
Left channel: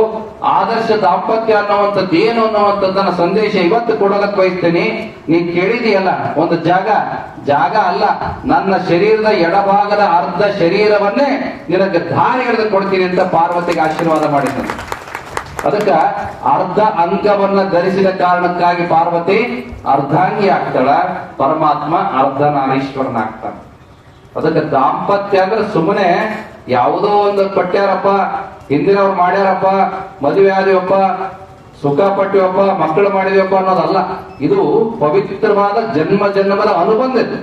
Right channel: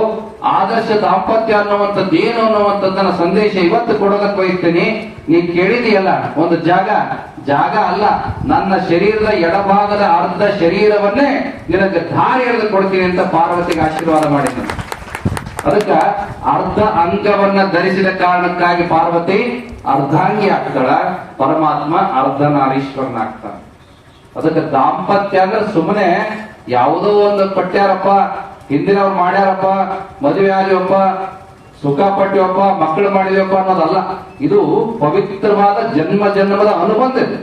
ಆದರ್ಶ ದಾಂಪತ್ಯ ಅನ್ನುವಂಥದ್ದು ಏನು ಅನ್ನುವಂಥದ್ದನ್ನ ಸಂದೇಶ ಇವತ್ತು ಕೊಡೋದಕ್ಕೆ ಬಯಸ್ತೀನಿ. ನೀ ಕೇಳಿದೆಯಲ್ಲ ಒಂದು ಜಾಗ, ಜಾಗ ಅಲ್ಲ, ನನ್ನ ಶರೀರದ ಎಡಭಾಗದ ಅರ್ಧ ಶರೀರವನ್ನೇ ನಿನಗೆ ದಾರಿ ಎಳೆದು ಕೊಡ್ತೀನಿ ಅಂತ ಪಾರ್ವತಿಗೆ ಆಶೀರ್ವಾದ ಮಾಡಿದ್ದ. ಅದಕ್ಕ ಅರ್ಧ ಅಂಗವನ್ನ ಧರಿಸಿದ ಕಾರಣಕ್ಕಾಗಿ ಪಾರ್ವತಿ ಅರ್ಧಾಂಗಿ ಆಗ್ತಾಳ, ಪರಮಾತ್ಮ ಅರ್ಧನಾರೀಶ್ವರನಾಗ್ತಾನೆ. ಅದಕ್ಕೆ ದಾಂಪತ್ಯ ಅಂದ್ರೆ ಸುಮ್ಮನೆ ಯಾವುದೋ ಒಂದು ಪಟ್ಟ್ಯಾರಪ್ಪ, ಹಿಂದಿನವ್ರು ಮಾಡ್ಯಾರಪ್ಪ, ಮದುವೆ ಆದಿವಪ್ಪ, ಸುಖ ಪಟ್ಟಿವಪ್ಪ, ಮಕ್ಕಳು ಮಾಡಿದವಪ್ಪ ಅನ್ನೋದಲ್ಲ. ಇದು ಪವಿತ್ರವಾದ ಜನ್ಮ ಜನ್ಮದ ಅನುಬಂಧ ಇದೆ.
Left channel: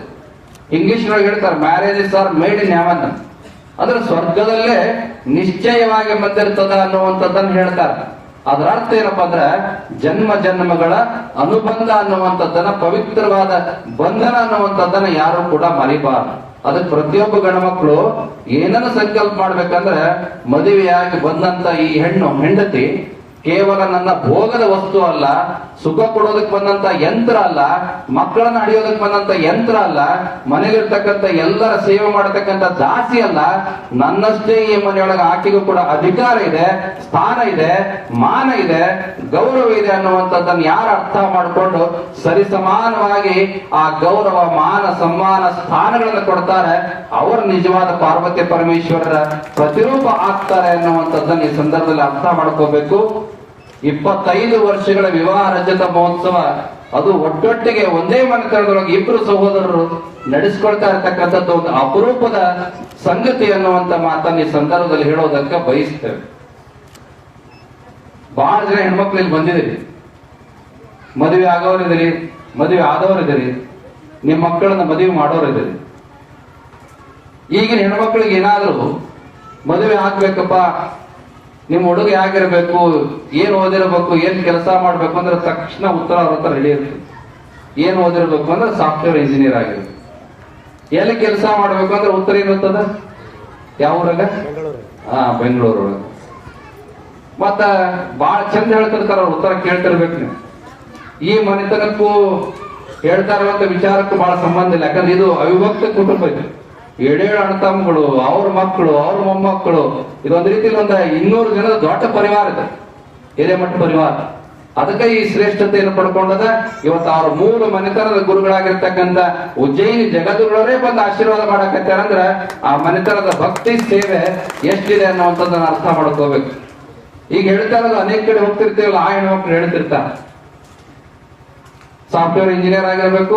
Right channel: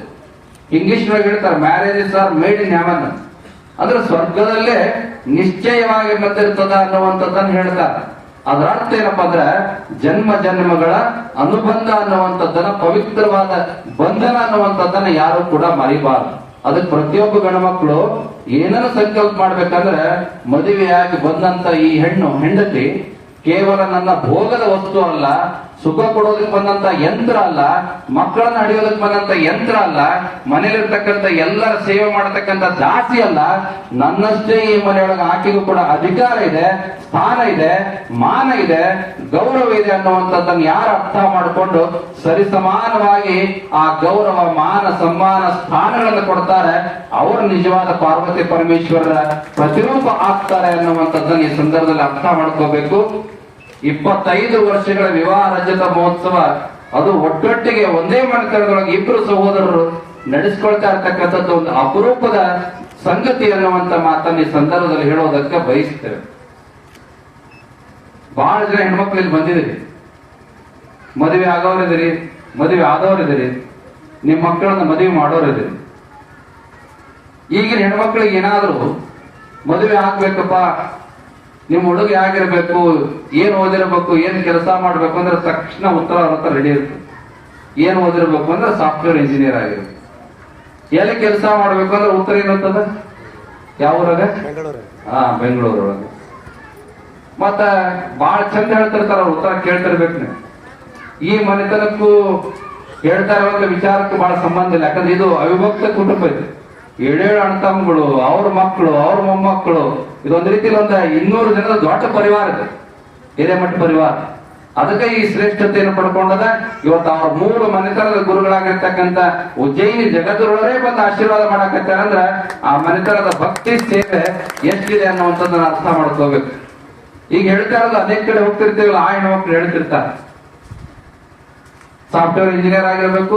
ಇಂಗ್ಲಿಷ್ ಒಳಗೆ ಹೇಳ್ತಾರೆ marriages are made in heaven, ಅಂದ್ರೆ ಸ್ವರ್ಗದಲ್ಲೇ ನಿಶ್ಚಯವಾಗಿ ಬಂದಿರ್ತದೆ ಅನ್ನುವಂಥದ್ದನ್ನು ಹೇಳ್ತಾರೆ. ಅದರ ಅರ್ಥ ಏನಪ್ಪಾ ಅಂದ್ರೆ ಜನ್ಮ ಜನ್ಮಗಳ ಅನುಬಂಧ ಅನ್ನುವಂಥದ್ದನ್ನ, ಪವಿತ್ರವಾದ ಬಂಧನ ಅನ್ನುವಂಥದ್ದನ್ನ ಯಾರು ಕೂಡ ಮರಿಬಾರದು. ಅದಕ್ಕೆ ಪ್ರತಿಯೊಬ್ಬ ಗಣಮಕ್ಕಳು ಏನನ್ನು ಸಂಕಲ್ಪ ಮಾಡ್ಬೇಕಂದ್ರೆ ಮದುವೆಯಾಗಿ ಬಂದಂತ ಈ ಹೆಂಡತಿ ಕೇವಲ ನನ್ನ ಭೋಗದ ವಸ್ತು ಅಲ್ಲ, ಸುಖ ಕೊಡೋದಕ್ಕೆ ಬಂದಂತ ಯಂತ್ರ ಅಲ್ಲ, ಮಕ್ಕಳನ್ನ ಹಡಿಯೋದಕ್ಕೆ ಬಂದಂತ ಯಂತ್ರ ಅಲ್ಲ, ಮನೇಲಿರ್ತಕ್ಕಂಥ ಎಲ್ಲರ ಸೇವೆ ಮಾಡತಕ್ಕಂಥ ದಾಸಿ ಅಲ್ಲ, ನನ್ನಷ್ಟೇ ಈ ಮನೆಯೊಳಗೆ ಆಕೆಗೂ ಕೂಡ ಅಧಿಕಾರ ಇದೆ, ಸ್ಥಾನ ಇದೆ, ಮಾನ ಇದೆ, ಗೌರವ ಇದೆ ಅನ್ನುವಂಥದ್ದನ್ನು ಯಾರು ಅರ್ಥ ಮಾಡಿಕೊಂಡು ಸರಿಸಮಾನವಾಗಿ ಆ ಗೌರವ, ಮಾನ, ಸಮ್ಮಾನ, ಸ್ಥಾನಗಳನ್ನು ಕೊಡ್ತಾರೆ, ಅವರು ನಿಜವಾದ ಪಾರ್ವತಿ ಪರಮೇಶ್ವರರ ಪ್ರತಿರೂಪ ಆಗ್ತಾರೆ ಅನ್ನುವಂಥದ್ದನ್ನು ಈ ಸಂದರ್ಭದಲ್ಲಿ ಅರ್ಥ ಮಾಡ್ಕೋಬೇಕು. 25 ವರ್ಷಗಳ ವಿವಾಹ ರಜತ ಮಹೋತ್ಸವ, ಅದು ಒಟ್ಟೊಟ್ಟಿಗೆ ಒಂದೇ ಮನೆತನದೊಳಗೆ ಇಬ್ಬರು ಸಹೋದರರು ನಡೆಸ್ಕೊಳ್ತಾ ಇರ್ತಕ್ಕಂಥದ್ದು ಒಂದು ಅಪರೂಪದ ಸಂಗತಿ ಅನ್ನುವಂತ ಮಾತನ್ನ ಈ ಸಂದರ್ಭದಲ್ಲಿ ಹೇಳೋದಕ್ಕೆ ಬಯಸ್ತೇವೆ. ಬಹಳ ಜನ ಹೆಣ್ಮಕ್ಳು ಇಲ್ಲಿ ಬಂದಿದ್ದೀರಿ, ಮದುವೆ ಆಗೋರಿದ್ದೀರಿ, ಮದುವೆ ಆದವರಿದ್ದೀರಿ, ನಿಮ್ಮ ಮಕ್ಕಳನ್ನ ಮದುವೆ ಮಾಡೋರಿದ್ದೀರಿ. ಈಗಿನ ಹೆಣ್ಮಕ್ಳಿಗೆ ಏನಾದ್ರು ಮದುವೆ ಆಗ್ಬೇಕಪ್ಪ, ನಿಮ್ಮ ಹುಡುಗ ಆಗಿರ್ಬೇಕು, ಏನ್ ಓದಿರ್ಬೇಕು, ಏನ್ ಕೆಲಸ ಮಾಡ್ಬೇಕು ಅಂದ್ರೆ ತಕ್ಷಣ ಉತ್ತರ ಅವ್ರ ಹತ್ರ ರೆಡಿ ಇರ್ತದೆ. ಏನ್ ಓದಿರ್ಬೇಕು ಅಂದ್ರೆ ಸಾಫ್ಟ್ವೇರ್ ಇಂಜಿನಿಯರ್ ಆಗಿರ್ಬೇಕು. ಎಲ್ಲಿ ಕೆಲಸ ಮಾಡ್ಬೇಕು ಅಂದ್ರೆ ಉತ್ತರ ಏನಿರ್ತದ, ಯಾವ ಊರಾಗ? ಬೆಂಗಳೂರೊಳಗೆ. ಮತ್ತ ಬಹಳ ಚಂದ ಹೇಳ್ತಿರ್ತಾರ, ಅವ್ರ ಉತ್ತರ ಕೇಳ್ತಿರ್ಬೇಕು ನೀವು. ಈ ಮನೆತನಕ್ಕೂ ಹೇಳ್ತಾ ಇರುವಂತ ವಿಚಾರಕ್ಕೂ ಬಹಳ ಸಂಬಂಧ ಇಲ್ಲ, ಯಾಕಂದ್ರೆ ಇದು ಅವಿಭಕ್ತ ಕುಟುಂಬ ಇದೆ. 7 ಅಣ್ಣ ತಮ್ಮಗಳು, ಅವ್ರ ಮಕ್ಕಳು, ಅವ್ರ ಮೊಮ್ಮಕ್ಕಳು, ಇದೊಂದು ರೀತಿಯಲ್ಲಿ ಒಂದು 200 ಜನದ ದೊಡ್ಡ ಪರಿವಾರ ಇದೆ, ಹಿರೇಮಠ ಪರಿವಾರ. ಅದಕ್ಕೆ ಈ ಶ್ರೇಷ್ಠತೆಯನ್ನು ಪಡ್ಕೊಂಡದ. ಇವತ್ತು ಅವ್ರ 3 ಮನೆತನದ ಗುರುಗಳಾಗಿರ್ತಕ್ಕಂಥ ಉಜ್ಜಯಿನಿ ಜಗದ್ಗುರುಗಳೇ ಬಂದು ಆಶೀರ್ವಾದ ಮಾಡಕತ್ತಾರಂದ್ರ ಆ ಮನೆತನದ ಭಕ್ತಿ ಸೇವೆ ಎಷ್ಟಿದೆ ಅನ್ನುವಂಥದ್ದನ್ನ ಅರ್ಥ ಮಾಡ್ಕೋಬೇಕು. ಈಗ ಹೇಳ್ತಾ ಇರೋದು ಅನೇಕ ಕಡೆ ಹೋಗ್ತಿರ್ತೀವಲ್ಲ, ಆ ಹೆಣ್ಮಕ್ಳು ಹೇಳ್ತಿರ್ತಾರ ಸಾಫ್ಟ್ವೇರ್ ಇಂಜಿನಿಯರ್ ಆಗಿರ್ಬೇಕು,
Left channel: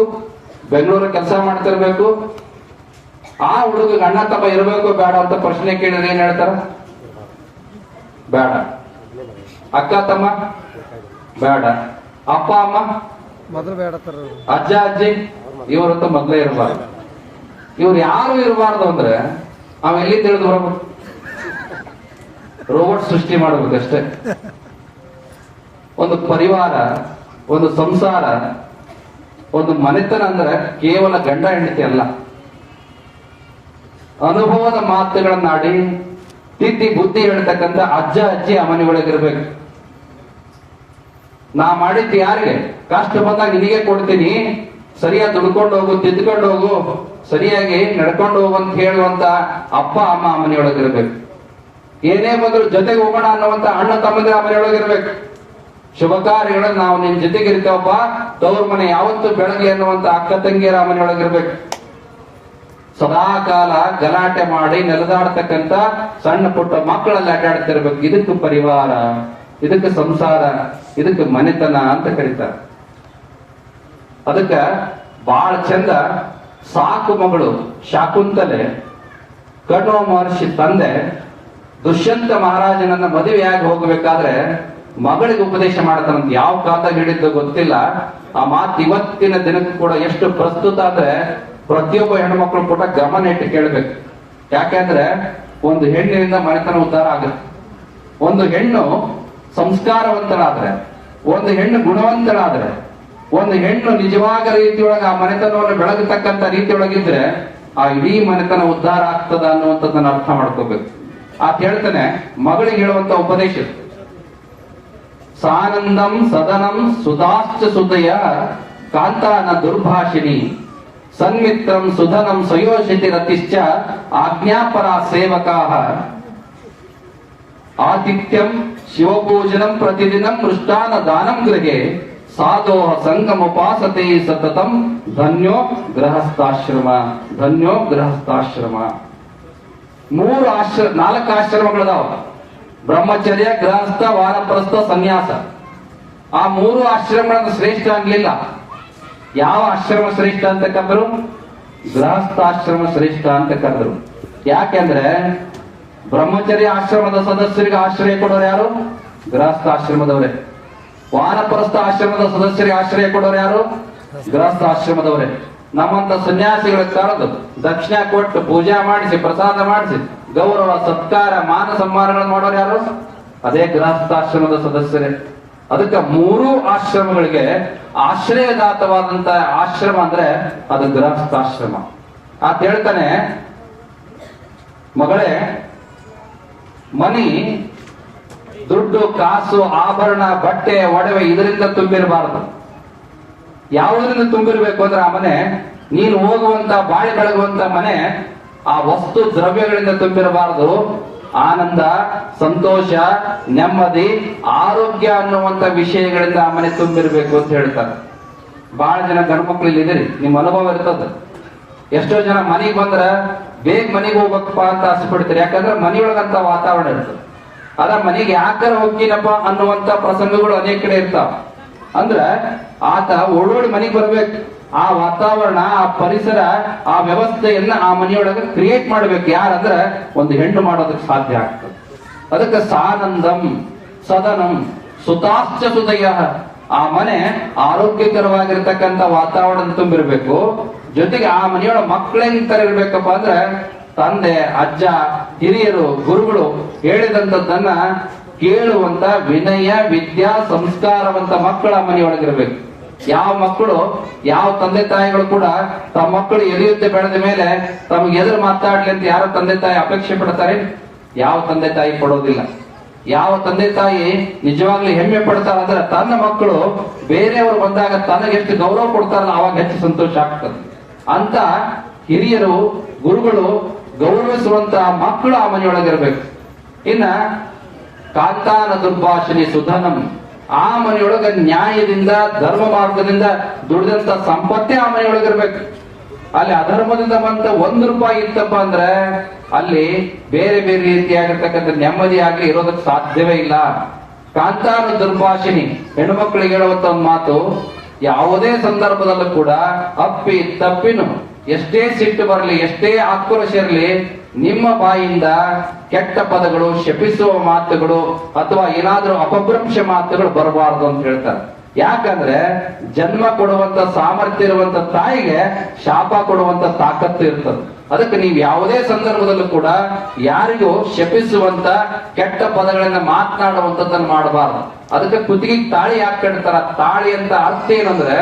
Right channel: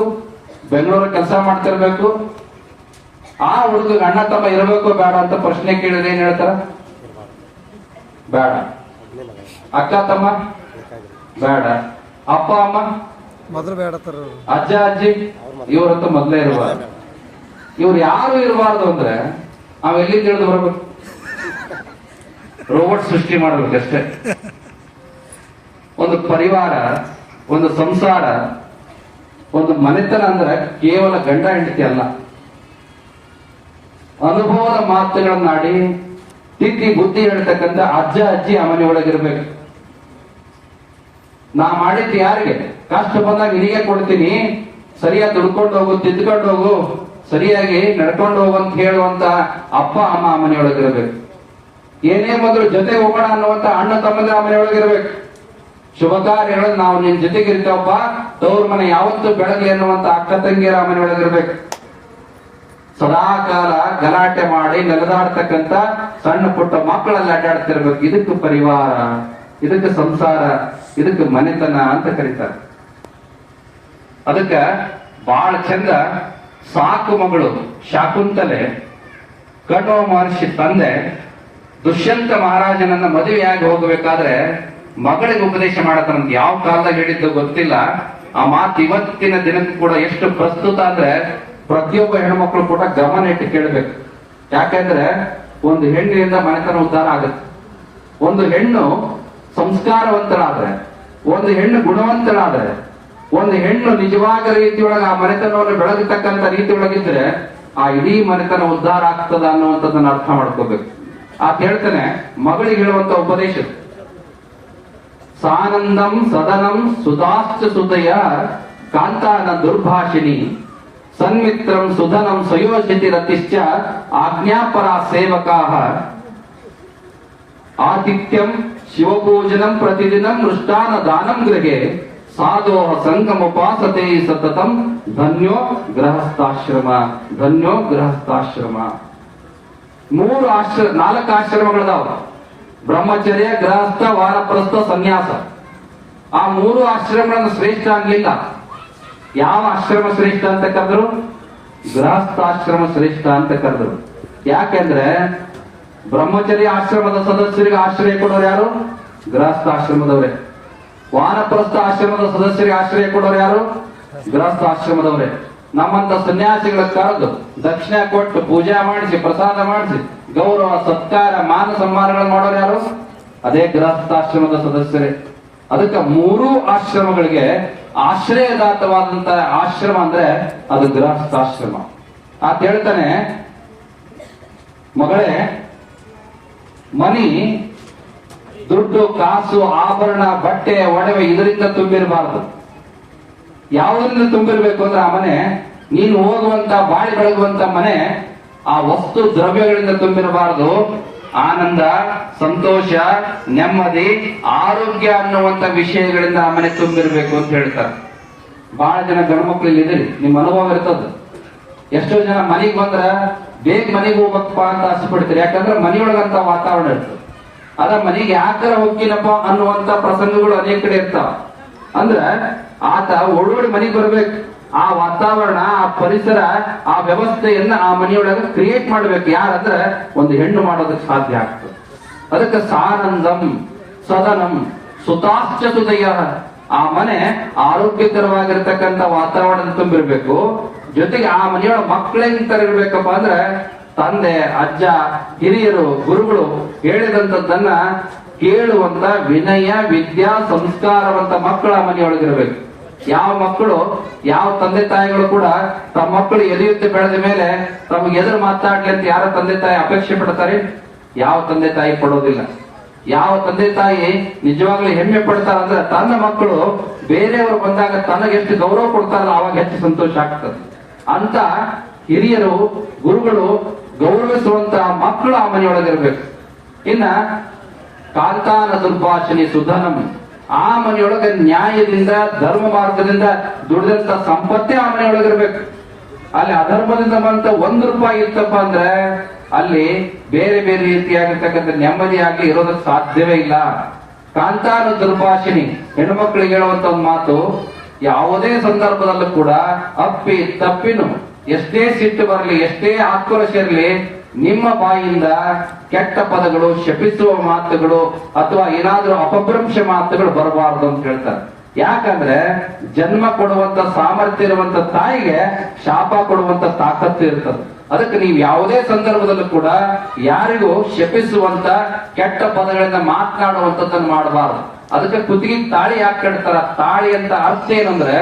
ಬೆಂಗಳೂರಲ್ಲಿ ಕೆಲಸ ಮಾಡ್ತಿರ್ಬೇಕು. ಆ ಹುಡುಗ ಅಣ್ಣ ತಮ್ಮ ಇರಬೇಕು ಬೇಡ ಅಂತ ಪ್ರಶ್ನೆ ಕೇಳಿದ್ರೆ ಏನ್ ಹೇಳ್ತಾರ? ಬೇಡ. ಅಕ್ಕ ತಮ್ಮ ಬೇಡ. ಅಪ್ಪ ಅಮ್ಮ ಮೊದಲು ಬೇಡ. ಅಜ್ಜ ಅಜ್ಜಿ ಇವ್ರಂತ ಮೊದಲೇ ಇರಬಾರ್ದು. ಇವ್ರು ಯಾರು ಇರಬಾರ್ದು ಅಂದ್ರೆ ಅವೆಲ್ಲಿ ತಿಳಿದು ಬರಬೇಕು, ರೋಬೋಟ್ ಸೃಷ್ಟಿ ಮಾಡಬೇಕಷ್ಟೇ. ಒಂದು ಪರಿವಾರ, ಒಂದು ಸಂಸಾರ, ಒಂದು ಮನೆತನ ಅಂದ್ರೆ ಕೇವಲ ಗಂಡ ಹೆಂಡತಿ ಅಲ್ಲ. ಅನುಭವದ ಮಾತುಗಳನ್ನಾಡಿ ತಿದ್ದಿ ಬುದ್ಧಿ ಹೇಳ್ತಕ್ಕಂಥ ಅಜ್ಜ ಅಜ್ಜಿ ಆ ಮನೆ ಒಳಗಿರ್ಬೇಕು. ನಾ ಮಾಡಿದ್ದು ಯಾರಿಗೆ ಕಷ್ಟ ಬಂದಾಗ ನಿನಗೆ ಕೊಡ್ತೀನಿ, ಸರಿಯಾಗಿ ದುಡ್ಕೊಂಡು ಹೋಗು, ತಿದ್ಕೊಂಡು ಹೋಗು, ಸರಿಯಾಗಿ ನಡ್ಕೊಂಡು ಹೋಗು ಅಂತ ಹೇಳುವಂತ ಅಪ್ಪ ಅಮ್ಮ ಆ ಮನೆಯೊಳಗಿರ್ಬೇಕು. ಏನೇ ಮೊದಲು ಜೊತೆಗೆ ಹೋಗೋಣ ಅನ್ನುವಂತ ಅಣ್ಣ ತಮ್ಮದ ಆ ಮನೆಯೊಳಗಿರ್ಬೇಕು. ಶುಭ ಕಾರ್ಯಗಳನ್ನು ನಾವು ನಿನ್ ಜೊತೆಗಿರ್ತಾವಪ್ಪ, ತವ್ರ ಮನೆ ಯಾವತ್ತು ಬೆಳಗ್ಗೆ ಅನ್ನುವಂತ ಅಕ್ಕ ತಂಗಿಯರ ಆ ಮನೆಯೊಳಗಿರ್ಬೇಕು. ಸದಾಕಾಲ ಗಲಾಟೆ ಮಾಡಿ ನೆಲದಾಡ್ತಕ್ಕಂಥ ಸಣ್ಣ ಪುಟ್ಟ ಮಕ್ಕಳಲ್ಲಿ ಆಟಾಡ್ತಿರ್ಬೇಕು. ಇದಕ್ಕೆ ಪರಿವಾರ, ಇದಕ್ಕೆ ಸಂಸಾರ, ಇದಕ್ಕೆ ಮನೆತನ ಅಂತ ಕರೀತಾರೆ. ಅದಕ್ಕೆ ಬಹಳ ಚಂದ ಸಾಕು ಮಗಳು ಶಾಕುಂತಲೆ ಕಟುವ ಮಹರ್ಷಿ ತಂದೆ ದುಷ್ಯಂತ ಮಹಾರಾಜನನ್ನ ಮದುವೆಯಾಗಿ ಹೋಗಬೇಕಾದ್ರೆ ಮಗಳಿಗೆ ಉಪದೇಶ ಮಾಡತಾರಂತ. ಯಾವ ಕಾಲದಾಗ ಹೇಳಿದ್ದು ಗೊತ್ತಿಲ್ಲ. ಆ ಮಾತು ಇವತ್ತಿನ ದಿನಕ್ಕೂ ಕೂಡ ಎಷ್ಟು ಪ್ರಸ್ತುತ ಅಂದ್ರೆ ಪ್ರತಿಯೊಬ್ಬ ಹೆಣ್ಮಕ್ಳು ಕೂಡ ಗಮನ ಇಟ್ಟು ಕೇಳಬೇಕು. ಯಾಕಂದ್ರೆ ಒಂದು ಹೆಣ್ಣಿನಿಂದ ಮನೆತನ ಉದ್ಧಾರ ಆಗುತ್ತೆ. ಒಂದು ಹೆಣ್ಣು ಸಂಸ್ಕಾರವಂತರಾದ್ರೆ, ಒಂದು ಹೆಣ್ಣು ಗುಣವಂತರಾದ್ರೆ, ಒಂದು ಹೆಣ್ಣು ನಿಜವಾದ ರೀತಿಯೊಳಗೆ ಆ ಮನೆತನವನ್ನು ಬೆಳಗತಕ್ಕಂಥ ರೀತಿಯೊಳಗಿದ್ರೆ ಆ ಇಡೀ ಮನೆತನ ಉದ್ಧಾರ ಆಗ್ತದ ಅನ್ನುವಂಥದ್ದನ್ನ ಅರ್ಥ ಮಾಡ್ಕೋಬೇಕು. ಆತ ಹೇಳ್ತಾನೆ, ಮಗಳಿಗೆ ಹೇಳುವಂತ ಉಪದೇಶ, ಸಾನಂದಂ ಸದನಂ ಸುಧಾಶ್ಚ ಸುತಯ ಕಾಂತಾನ ದುರ್ಭಾಷಿಣಿ ಸನ್ಮಿತ್ರಂ ಸುಧನಂ ಸ್ವಯೋಷಿತಿ ರತಿಶ್ಚ ಆಜ್ಞಾಪರ ಸೇವಕಾಹ ಆತಿಥ್ಯಂ ಶಿವಪೂಜನಂ ಪ್ರತಿದಿನಂ ಮೃಷ್ಟಾನ ದಾನಂ ಗೃಹೆ ಸಾಧೋಹ ಸಂಗಮೋಪಾಸತೆ ಸತತಂ ಧನ್ಯೋ ಗೃಹಸ್ಥಾಶ್ರಮ, ಧನ್ಯೋ ಗೃಹಸ್ಥಾಶ್ರಮ. 4 ಆಶ್ರಮಗಳದಾವ. ಬ್ರಹ್ಮಚರ್ಯ, ಗೃಹಸ್ಥ, ವಾನಪ್ರಸ್ಥ, ಸನ್ಯಾಸ. ಆ 3 ಆಶ್ರಮಗಳನ್ನು ಶ್ರೇಷ್ಠ ಆಗ್ಲಿಲ್ಲ. ಯಾವ ಆಶ್ರಮ ಶ್ರೇಷ್ಠ ಅಂತ ಕರೆದ್ರು? ಗೃಹಸ್ಥಾಶ್ರಮ ಶ್ರೇಷ್ಠ ಅಂತ ಕರೆದ್ರು. ಯಾಕೆಂದ್ರೆ ಬ್ರಹ್ಮಚರ್ಯ ಆಶ್ರಮದ ಸದಸ್ಯರಿಗೆ ಆಶ್ರಯ ಕೊಡೋರು ಯಾರು? ಗೃಹಸ್ಥಾಶ್ರಮದವರೇ. ವಾನಪ್ರಸ್ಥ ಆಶ್ರಮದ ಸದಸ್ಯರಿಗೆ ಆಶ್ರಯ ಕೊಡೋರು ಯಾರು? ಗೃಹಸ್ಥಾಶ್ರಮದವರೇ. ನಮ್ಮಂತ ಸನ್ಯಾಸಿಗಳ ಕರೆದು ದಕ್ಷಿಣ ಕೊಟ್ಟು ಪೂಜೆ ಮಾಡಿಸಿ ಪ್ರಸಾದ ಮಾಡಿಸಿ ಗೌರವ ಸತ್ಕಾರ ಮಾನ ಸನ್ಮಾನಗಳನ್ನು ಮಾಡೋರು ಯಾರು? ಅದೇ ಗೃಹಸ್ಥಾಶ್ರಮದ ಸದಸ್ಯರೇ. ಅದಕ್ಕೆ 3 ಆಶ್ರಮಗಳಿಗೆ ಆಶ್ರಯದಾತವಾದಂತ ಆಶ್ರಮ ಅಂದ್ರೆ ಅದು ಗೃಹಸ್ಥಾಶ್ರಮ. ಆತ ಹೇಳ್ತಾನೆ, ಮಗಳೇ, ಮನಿ ದುಡ್ಡು ಕಾಸು ಆಭರಣ ಬಟ್ಟೆ ಒಡವೆ ಇದರಿಂದ ತುಂಬಿರಬಾರದು. ಯಾವುದರಿಂದ ತುಂಬಿರ್ಬೇಕು ಅಂದ್ರೆ ಆ ಮನೆ, ನೀನು ಹೋಗುವಂತ ಬಾಳಿ ಬೆಳಗುವಂತ ಮನೆ ಆ ವಸ್ತು ದ್ರವ್ಯಗಳಿಂದ ತುಂಬಿರಬಾರದು. ಆನಂದ, ಸಂತೋಷ, ನೆಮ್ಮದಿ, ಆರೋಗ್ಯ ಅನ್ನುವಂತ ವಿಷಯಗಳಿಂದ ಆ ಮನೆ ತುಂಬಿರ್ಬೇಕು ಅಂತ ಹೇಳ್ತಾರೆ. ಬಹಳ ಜನ ಗಂಡ್ಮಕ್ಳು ಇಲ್ಲಿದ್ದೀರಿ, ನಿಮ್ ಅನುಭವ ಇರ್ತದ. ಎಷ್ಟೋ ಜನ ಮನೆಗೆ ಬಂದ್ರ ಬೇಗ ಮನೆಗೆ ಹೋಗ್ಬೇಕಪ್ಪ ಅಂತ ಆಸೆ ಪಡ್ತೀರಿ. ಯಾಕಂದ್ರೆ ಮನೆಯೊಳಗಂತ ವಾತಾವರಣ ಇರ್ತದೆ. ಅದ ಮನೆಗೆ ಯಾಕರ ಹೋಗ್ತೀನಪ್ಪ ಅನ್ನುವಂತ ಪ್ರಸಂಗಗಳು ಅನೇಕ ಕಡೆ ಇರ್ತಾವ. ಅಂದ್ರ ಆತ ಓಡೋಡಿ ಮನೆಗೆ ಬರ್ಬೇಕು. ಆ ವಾತಾವರಣ, ಆ ಪರಿಸರ, ಆ ವ್ಯವಸ್ಥೆಯನ್ನ ಆ ಮನೆಯೊಳಗೆ ಕ್ರಿಯೇಟ್ ಮಾಡ್ಬೇಕು. ಯಾರಂದ್ರೆ ಒಂದು ಹೆಣ್ಣು ಮಾಡೋದಕ್ಕೆ ಸಾಧ್ಯ ಆಗ್ತದೆ. ಅದಕ್ಕೆ ಸಾನಂದಂ ಸದನಂ ಸುತಾಶ್ಚ ಸುದಯ. ಆ ಮನೆ ಆರೋಗ್ಯಕರವಾಗಿರ್ತಕ್ಕಂಥ ವಾತಾವರಣ ತುಂಬಿರ್ಬೇಕು. ಜೊತೆಗೆ ಆ ಮನೆಯೊಳ ಮಕ್ಕಳೇನ್ ತರ ಇರ್ಬೇಕಪ್ಪ ಅಂದ್ರೆ ತಂದೆ, ಅಜ್ಜ, ಹಿರಿಯರು, ಗುರುಗಳು ಹೇಳಿದಂಥದ್ದನ್ನ ಕೇಳುವಂತ ವಿನಯ, ವಿದ್ಯಾ, ಸಂಸ್ಕಾರವಂತ ಮಕ್ಕಳು ಆ ಮನೆಯೊಳಗಿರ್ಬೇಕು. ಯಾವ ಮಕ್ಕಳು, ಯಾವ ತಂದೆ ತಾಯಿಗಳು ಕೂಡ ತಮ್ಮ ಮಕ್ಕಳು ಎಲಿಯುತ್ತೆ ಬೆಳೆದ ಮೇಲೆ ತಮ್ಗೆ ಎದುರು ಮಾತಾಡ್ಲಿ ಅಂತ ಯಾರ ತಂದೆ ತಾಯಿ ಅಪೇಕ್ಷೆ ಪಡ್ತಾರೆ? ಯಾವ ತಂದೆ ತಾಯಿ ಪಡೋದಿಲ್ಲ. ಯಾವ ತಂದೆ ತಾಯಿ ನಿಜವಾಗ್ಲೂ ಹೆಮ್ಮೆ ಪಡ್ತಾರ ಅಂದ್ರೆ ತನ್ನ ಮಕ್ಕಳು ಬೇರೆಯವರು ಬಂದಾಗ ತನಗೆ ಎಷ್ಟು ಗೌರವ ಕೊಡ್ತಾರಲ್ಲ ಅವಾಗ ಹೆಚ್ಚು ಸಂತೋಷ ಆಗ್ತದೆ. ಅಂತ ಹಿರಿಯರು, ಗುರುಗಳು ಗೌರವಿಸುವಂತ ಮಕ್ಕಳು ಆ ಮನೆಯೊಳಗಿರ್ಬೇಕು. ಇನ್ನ ಕಾಂತಾನ ದುರ್ಭಾಷಣಿ ಸುಧನಂ. ಆ ಮನೆಯೊಳಗೆ ನ್ಯಾಯದಿಂದ ಧರ್ಮ ಮಾರ್ಗದಿಂದ ದುಡಿದಂತ ಸಂಪತ್ತೇ ಆ ಮನೆಯೊಳಗಿರ್ಬೇಕು. ಅಲ್ಲಿ ಅಧರ್ಮದಿಂದ ಬಂತ ₹1 ಇತ್ತಪ್ಪ ಅಂದ್ರೆ ಅಲ್ಲಿ ಬೇರೆ ಬೇರೆ ರೀತಿಯಾಗಿರ್ತಕ್ಕಂಥ ನೆಮ್ಮದಿ ಆಗ್ಲಿ ಇರೋದಕ್ಕೆ ಸಾಧ್ಯವೇ ಇಲ್ಲ. ಕಾಂತಾನ ದುರ್ಭಾಷಿಣಿ ಹೆಣ್ಮಕ್ಳಿಗೆ ಹೇಳುವಂತ ಒಂದು ಮಾತು, ಯಾವುದೇ ಸಂದರ್ಭದಲ್ಲೂ ಕೂಡ ಅಪ್ಪಿ ತಪ್ಪಿನು ಎಷ್ಟೇ ಸಿಟ್ಟು ಬರಲಿ, ಎಷ್ಟೇ ಆಕ್ರೋಶ ಇರಲಿ, ನಿಮ್ಮ ಬಾಯಿಂದ ಕೆಟ್ಟ ಪದಗಳು, ಶಪಿಸುವ ಮಾತುಗಳು ಅಥವಾ ಏನಾದ್ರೂ ಅಪಭ್ರಂಶ ಮಾತುಗಳು ಬರಬಾರದು ಅಂತ ಹೇಳ್ತಾರೆ. ಯಾಕಂದ್ರೆ ಜನ್ಮ ಕೊಡುವಂತ ಸಾಮರ್ಥ್ಯ ಇರುವಂತ ತಾಯಿಗೆ ಶಾಪ ಕೊಡುವಂತ ತಾಕತ್ತು ಇರ್ತದೆ. ಅದಕ್ಕೆ ನೀವು ಯಾವುದೇ ಸಂದರ್ಭದಲ್ಲೂ ಕೂಡ ಯಾರಿಗೂ ಶಪಿಸುವಂತ ಕೆಟ್ಟ ಪದಗಳಿಂದ ಮಾತನಾಡುವಂತದ್ದನ್ನು ಮಾಡಬಾರದು. ಅದಕ್ಕೆ ಕುತ್ತಿಗೆ ತಾಳಿ ಯಾಕೆ ಕಟ್ತಾರ? ತಾಳಿ ಅಂತ ಅರ್ಥ ಏನಂದ್ರೆ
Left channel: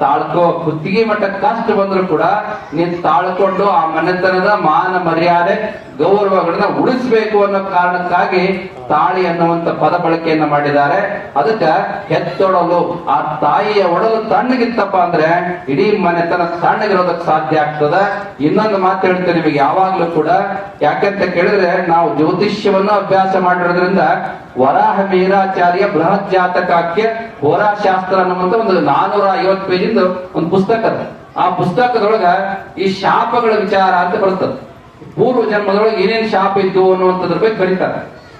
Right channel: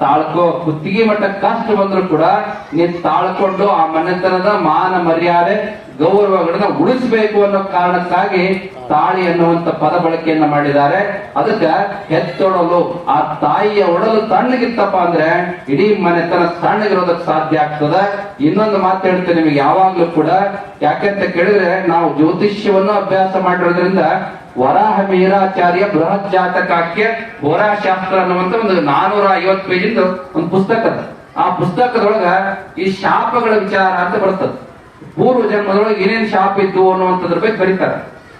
ತಾಳ್ಕೋ, ಕುತ್ತಿಗೆ ಮಟ್ಟ ಕಷ್ಟ ಬಂದ್ರು ಕೂಡ ನೀನ್ ತಾಳ್ಕೊಂಡು ಆ ಮನೆತನದ ಮಾನ ಮರ್ಯಾದೆ ಗೌರವಗಳನ್ನ ಉಳಿಸಬೇಕು ಅನ್ನೋ ಕಾರಣಕ್ಕಾಗಿ ತಾಳಿ ಅನ್ನುವಂತ ಪದ ಬಳಕೆಯನ್ನ ಮಾಡಿದ್ದಾರೆ. ಅದಕ್ಕ ಹೆತ್ತೊಡಲು, ಆ ತಾಯಿಯ ಒಡಲು ತಣ್ಣಗಿತ್ತಪ್ಪ ಅಂದ್ರೆ ಇಡೀ ಮನೆತನ ತಣ್ಣಗಿರೋದಕ್ಕೆ ಸಾಧ್ಯ ಆಗ್ತದ. ಇನ್ನೊಂದು ಮಾತು ಹೇಳ್ತೇನೆ ನಿಮಗೆ ಯಾವಾಗ್ಲೂ ಕೂಡ, ಯಾಕಂತ ಕೇಳಿದ್ರೆ ನಾವು ಜ್ಯೋತಿಷ್ಯವನ್ನು ಅಭ್ಯಾಸ ಮಾಡಿರೋದ್ರಿಂದ ವರಾಹ ವೀರಾಚಾರ್ಯ ಬೃಹತ್ ಜಾತಕಕ್ಕೆ ಹೋರಾಶಾಸ್ತ್ರ ಅನ್ನುವಂತ ಒಂದು 450 ಪೇಜಿಂದ ಒಂದು ಪುಸ್ತಕ. ಆ ಪುಸ್ತಕದೊಳಗ ಈ ಶಾಪಗಳ ವಿಚಾರ ಅಂತ ಬರ್ತದೆ. ಪೂರ್ವ ಜನ್ಮದೊಳಗೆ ಏನೇನ್ ಶಾಪ ಇದ್ದು ಅನ್ನುವಂಥದ್ರ ಬಗ್ಗೆ ಬರೀತಾರೆ.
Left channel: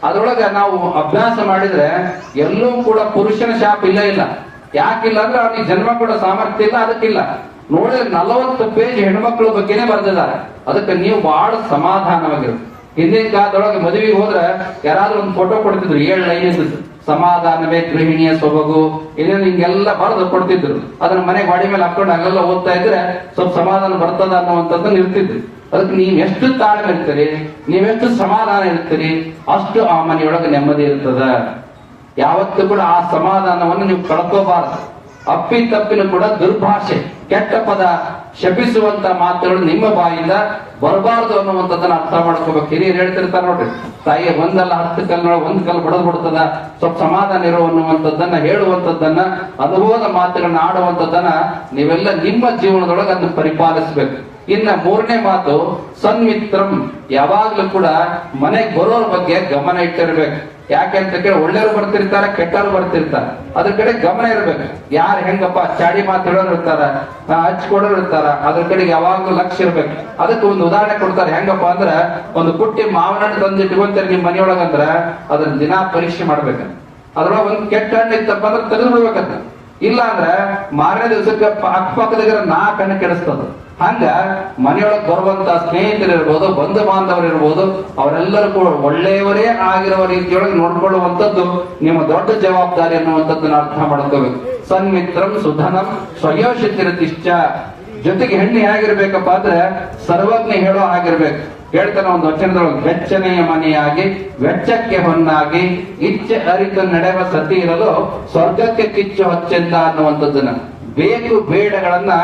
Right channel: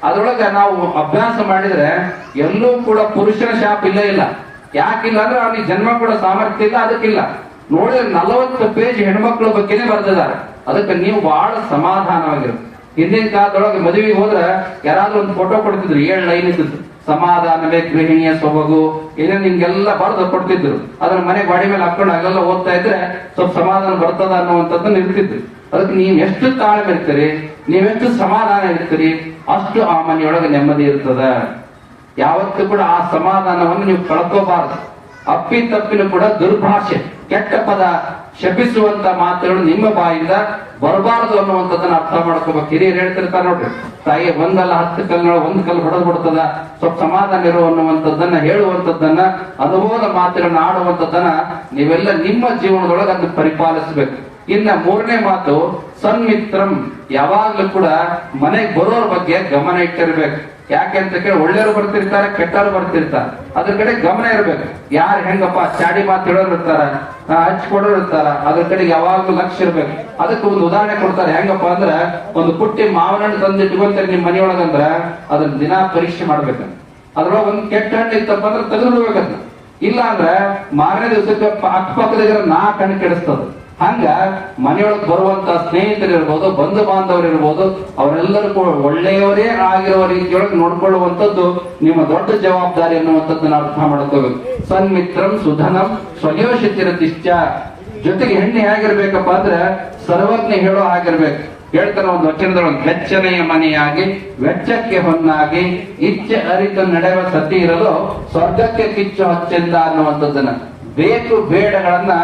ಅದ್ರೊಳಗ ನಾವು ಅಭ್ಯಾಸ ಮಾಡಿದ್ರೆ ಎಲ್ಲೂ ಕೂಡ ಪುರುಷನ ಶಾಪ ಇಲ್ಲ. ಯಾಕಿಲ್ಲ ಅಂದ್ರೆ ಅವನಿಗೆ ಜನ್ಮ ಕೂಡ ಸಾಮರ್ಥ್ಯ ಇಲ್ಲ, ಅದಕ್ಕಿಲ್ಲ. ನೋಡಿದ್ರೆ 40 ಪೇಜ್ ಹೆಣ್ಮಕ್ಳ ಬಗ್ಗೆನೇ ಬರೆದಿದ್ದಾರೆ. ಅದಕ್ಕೆ ನೀವು ಬಹಳ ಸಮಾಧಾನವಾಗಿರುತ್ತೆ. ಹಿಂದಿನ ಕಾಲದೊಳಗೆ ಮದುವೆಗೆ ಹೋದ್ರೆ ಯಾರಾದ್ರೂ ಒಂದು ಫೋಟೋ ಕೊಡ್ತಿದ್ರು, 7 ಲೈನ್ ಇದ್ದು, ಸಮಾಧಾನವೇ ಗೃಹಿಣಿಯ ಸೊಬಗು, ಇದನ್ನ ಹಿಂಗೆಲ್ಲ ಬರೆದು ಕೊಡ್ತಿದ್ರು. ಅದನ್ನ ಮನೆ ಗಾಡಿ ಮೇಲೆ ಹಾಕೊಂಡು ಅಲ್ಲೆಲ್ಲ ಓದ್ತಾ ಇದ್ರೆ ಸ್ವಲ್ಪ ಸಮಾಧಾನ ಬರ್ತದ ಅನ್ನುವಂಥದ್ದನ್ನ ಇರ್ತಿದ್ರು. ಅದಕ್ಕೆ ನೀವ್ ಎಷ್ಟು ತಾಳ್ಮೆ ಇರ್ತೀರಿ, ನೀವೆಷ್ಟು ಸಮಾಧಾನ ಇರ್ತೀರಿ, ಅಷ್ಟು ಆ ಮನೆಯೊಳಗೆ ನೆಮ್ಮದಿ ಇರ್ತದ. ಯಾವತ್ತೂ ಕೂಡ ಆ ಸಮಾಧಾನವನ್ನು ನೀವು ಕಳ್ಕೋಬಾರದು. ಅಪ್ಪಿ ತಪ್ಪಿನ ಕೂಡ ದುರ್ಭಾಷೆ, ಕೆಟ್ಟ ಪದ, ಶಪಿಸುವಂತ ಮಾತುಗಳು ನಿಮ್ಮ ಬಾಯಿಂದ ಬರಬಾರದು ಅನ್ನುವಂಥದ್ದನ್ನ ಅರ್ಥ ಮಾಡ್ಕೋಬೇಕು. ಹಿರಿಯರು ಹೇಳ್ತಿರ್ತಾರೆ ನೋಡ್ರಿ, ತಾಯಿ ಒಂದಲ್ಲ 10 ಕಲ್ಲಿನೊಳಗೆ 1 ಕಲ್ಲು ಹೊಡೆದು ಬಿಡ್ತದ, ಸ್ವಲ್ಪ ಸಮಾಧಾನ ಇರು ಅನ್ನುವಂಥದ್ದನ್ನ ಹೇಳುವಂಥದ್ದನ್ನ, ಅನುಭವದ ಮಾತುಗಳನ್ನ ಆಡುವಂಥದ್ದನ್ನ ನೀವೆಲ್ಲ ನಿಮ್ಮ ಜೀವನದೊಳಗೆ ಅದನ್ನ ಪರಿಪಾಲಿಸಬೇಕು. ಇನ್ನ 3ನೇ ಮಾತು ಸನ್ಮಿತ್ರಂ. ಯಾವಾಗ್ಲೂ ಕೂಡ ಮನೆಗೆ ಬರೋರ ಬಗ್ಗೆ ಗಮನ ಇಟ್ಟಿರ್ಬೇಕು. ಯಾಕೆ ಅಂತ ಕೇಳಿ ಒಳ್ಳೆಯವರು ಬರ್ತಿರ್ತಾರೆ, ಕೆಟ್ಟವರು ಬರ್ತಿರ್ತಾರೆ. ಅದ್ರ ಕಡೆ ಗಮನ ಇರ್ಬೇಕು. ಯಾರು ಹೆಂಗಪ್ಪ ಚಾಡಿ ಮಾತು ಹೇಳೋರು ಇರ್ತಾರ, ಹಚ್ಕೊಡೋರು ಇರ್ತಾರ, ಅದ್ರ ಕಡೆಗೆ ಯಾವಾಗ್ಲೂ ಲಕ್ಷ್ಯ ಇರ್ಬೇಕು. ಅದಕ್ಕೆ ಒಂದು ಉದಾಹರಣೆ ಕೊಡ್ತಾರೆ. ಹೆಂಗಪ್ಪ ಅಂದ್ರ, ಒಂದು ಪುಟ್ಟಿ ಮಾವಿನ ಹಣ್ಣು ತಂದು ಇಟ್ಕೊಂತಾರೆ ನಿಮ್ ಮನೆಯೊಳಗಂದ್ರ ಅದನ್ನ ದಿನಾ ಪರೀಕ್ಷೆ ಮಾಡ್ಬೇಕು. ಅದ್ರೊಳಗೆ ಒಂದು ಕೆಟ್ಟ ಹಣ್ಣು ಇತ್ತಪ್ಪ ಅಂದ್ರೆ ತೆಗೆದು ಬಿಡ್ಬೇಕಂತ. ಇಲ್ಲ ಅಂದ್ರೆ ಮಾರನೇ ದಿವಸಕ್ಕೆ ಅಕ್ಕಪಕ್ಕದಾಗ 4 ಹಣ್ಣು ಕೆಡಿಸ್ತದ. ಹಂಗ ಮನೆಯೊಳಗೆ ಬರುವಂತ ಸ್ನೇಹಿತರಿರ್ಬೋದು, ಬಂಧು ಬಾಂಧವರಿರ್ಬೋದು, ಅವರೆಲ್ಲರೂ ಕೂಡ ಒಳ್ಳೆಯವರೇ ಆಗಿರುವ ರೀತಿಯೊಳಗೆ ನೋಡ್ಕೊಳ್ಳುವಂಥದ್ದು ನಿಮ್ಮ ದೊಡ್ಡ ಜವಾಬ್ದಾರಿ ಅನ್ನುವಂಥದ್ದನ್ನ ಅರ್ಥ ಮಾಡ್ಕೋಬೇಕು. ಸನ್ಮಿತ್ರಂ ಸುಧನಂ ಸ್ವಯೋಷಿತಿರತಿಶ್ಚ. ಜೊತೆಗೆ ಹೆಣ್ಣು ಹೇಗಿರ್ಬೇಕಪ್ಪ ಅಂದ್ರೆ ಸರ್ವಜ್ಞ ಹೇಳೋ ಆಗಿರ್ಬೇಕು. ಹೇಳ್ತಾನೆ ಒಂದು ವಚನದೊಳಗೆ, ವೆಚ್ಚನೆಯ ಮನೆಯಾಗಿ ವೆಚ್ಚಕ್ಕೆ ಹೊನ್ನಾಗಿ ಇಚ್ಛೆ ಅರಿತು ನಡೆವ ಸತಿ ಇರಲು ಸ್ವರ್ಗಕ್ಕೆ ಕಿಚ್ಚು ಹೊಚ್ಚೆಂದ ಅನ್ನುವಂಥದ್ದನ್ನ, ಬೇಕು ಬೇಡಗಳನ್ನ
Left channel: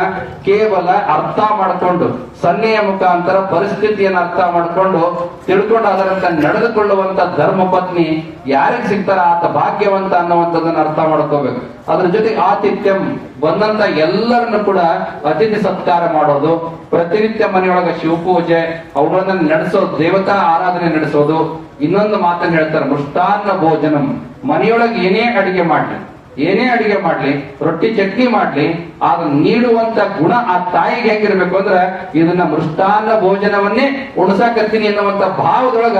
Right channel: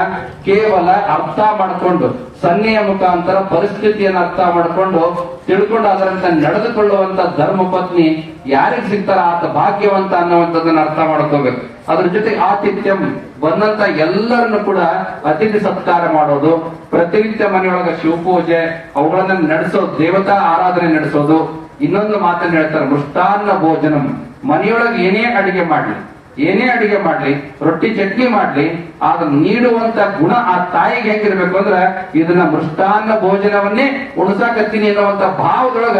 ಕೇವಲ ಅರ್ಥ ಮಾಡಿಕೊಂಡು, ಸನ್ನೆಯ ಮುಖಾಂತರ ಪರಿಸ್ಥಿತಿಯನ್ನು ಅರ್ಥ ಮಾಡಿಕೊಂಡು ತಿಳ್ಕೊಂಡು ಅದರಂತೆ ನಡೆದುಕೊಳ್ಳುವಂತ ಧರ್ಮ ಪತ್ನಿ ಯಾರಿಗೆ ಸಿಗ್ತಾರ ಆತ ಭಾಗ್ಯವಂತ ಅನ್ನುವಂಥದ್ದನ್ನ ಅರ್ಥ ಮಾಡ್ಕೋಬೇಕು. ಅದ್ರ ಜೊತೆಗೆ ಆತಿಥ್ಯಂ, ಬಂದಂತ ಎಲ್ಲರನ್ನು ಕೂಡ ಅತಿಥಿ ಸತ್ಕಾರ ಮಾಡೋದು, ಪ್ರತಿನಿತ್ಯ ಮನೆಯೊಳಗ ಶಿವಪೂಜೆ ಅವುಗಳನ್ನ ನಡೆಸೋದು, ದೇವತಾ ಆರಾಧನೆ ನಡೆಸೋದು. ಇನ್ನೊಂದು ಮಾತನ್ನು ಹೇಳ್ತಾರೆ, ಮೃಷ್ಟಾನ್ನ ಭೋಜನಂ. ಮನೆಯೊಳಗೆ ಏನೇ ಅಡಿಗೆ ಮಾಡ್ಲಿ, ರೊಟ್ಟಿ ಚಟ್ನಿ ಮಾಡ್ಲಿ, ಆಗ ನೀಡುವಂತ ಗುಣ ಆ ತಾಯಿಗೆ ಹೆಂಗಿರ್ಬೇಕು ಅಂದ್ರೆ, ಇದನ್ನ ಮೃಷ್ಟಾನ್ನ ಭೋಜನವನ್ನೇ ಉಣಸಾಕತ್ತೀನಿ ಎನ್ನುವಂತ ಭಾವದೊಳಗ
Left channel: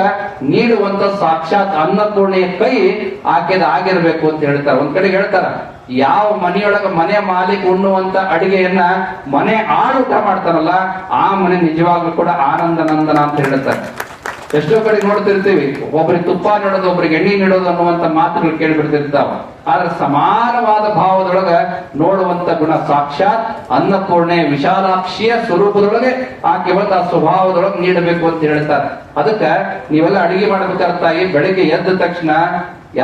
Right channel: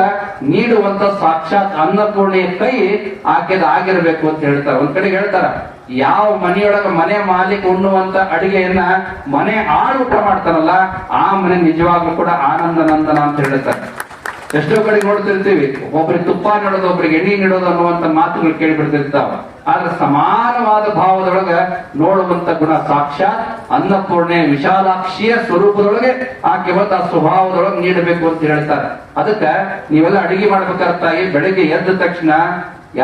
ನೀಡುವಂತ ಸಾಕ್ಷಾತ್ ಅನ್ನಪೂರ್ಣೆಯ ಕೈ ಆಕೆದ ಆಗಿರ್ಬೇಕು ಅಂತ ಹೇಳ್ತಾರೆ. ಒಂದ್ ಕಡೆ ಹೇಳ್ತಾರ, ಯಾವ ಮನೆಯೊಳಗ ಮನೆ ಮಾಲೀಕ ಉಣ್ಣುವಂತ ಅಡಿಗೆಯನ್ನ ಮನೆ ಆಳು ಊಟ ಮಾಡ್ತಾರಲ್ಲ, ಆ ಮನೆ ನಿಜವಾಗ್ಲೂ ಕೂಡ ಆನಂದ ನಂದನ ಅಂತ ಹೇಳ್ತಾರೆ. ಎಷ್ಟೋ ಕಡೆ ನೋಡ್ತಿರ್ತೀವಿ, ಒಬ್ರಿಗೆ ತುಪ್ಪ ನೀಡೋದು, ಒಬ್ರಿಗೆ ಎಣ್ಣೆ ನೀಡೋದು ಅನ್ನುವಂತ ಮಾತುಗಳು ಕೇಳಿಬಿಡ್ತಿರ್ತಾವ. ಆದ್ರೆ ಸಮಾನವಾದ ಭಾವದೊಳಗ ನೋಡುವಂತ ಗುಣ ಸಾಕ್ಷಾತ್ ಅನ್ನಪೂರ್ಣೆ ವಿಶಾಲಾಕ್ಷಿಯ ಸ್ವರೂಪದೊಳಗೆ ಆಕೆ ಬಂದ ಆ ಸ್ವಭಾವದೊಳಗೆ ನೀಡಬೇಕು ಅಂತ ಹೇಳ್ತಾರೆ. ಅದಕ್ಕೆ ನೀವೆಲ್ಲ ಅಡಿಗೆ ಮಾಡ್ಬೇಕಾದ ತಾಯಿ, ಬೆಳಿಗ್ಗೆ ಎದ್ದ ತಕ್ಷಣ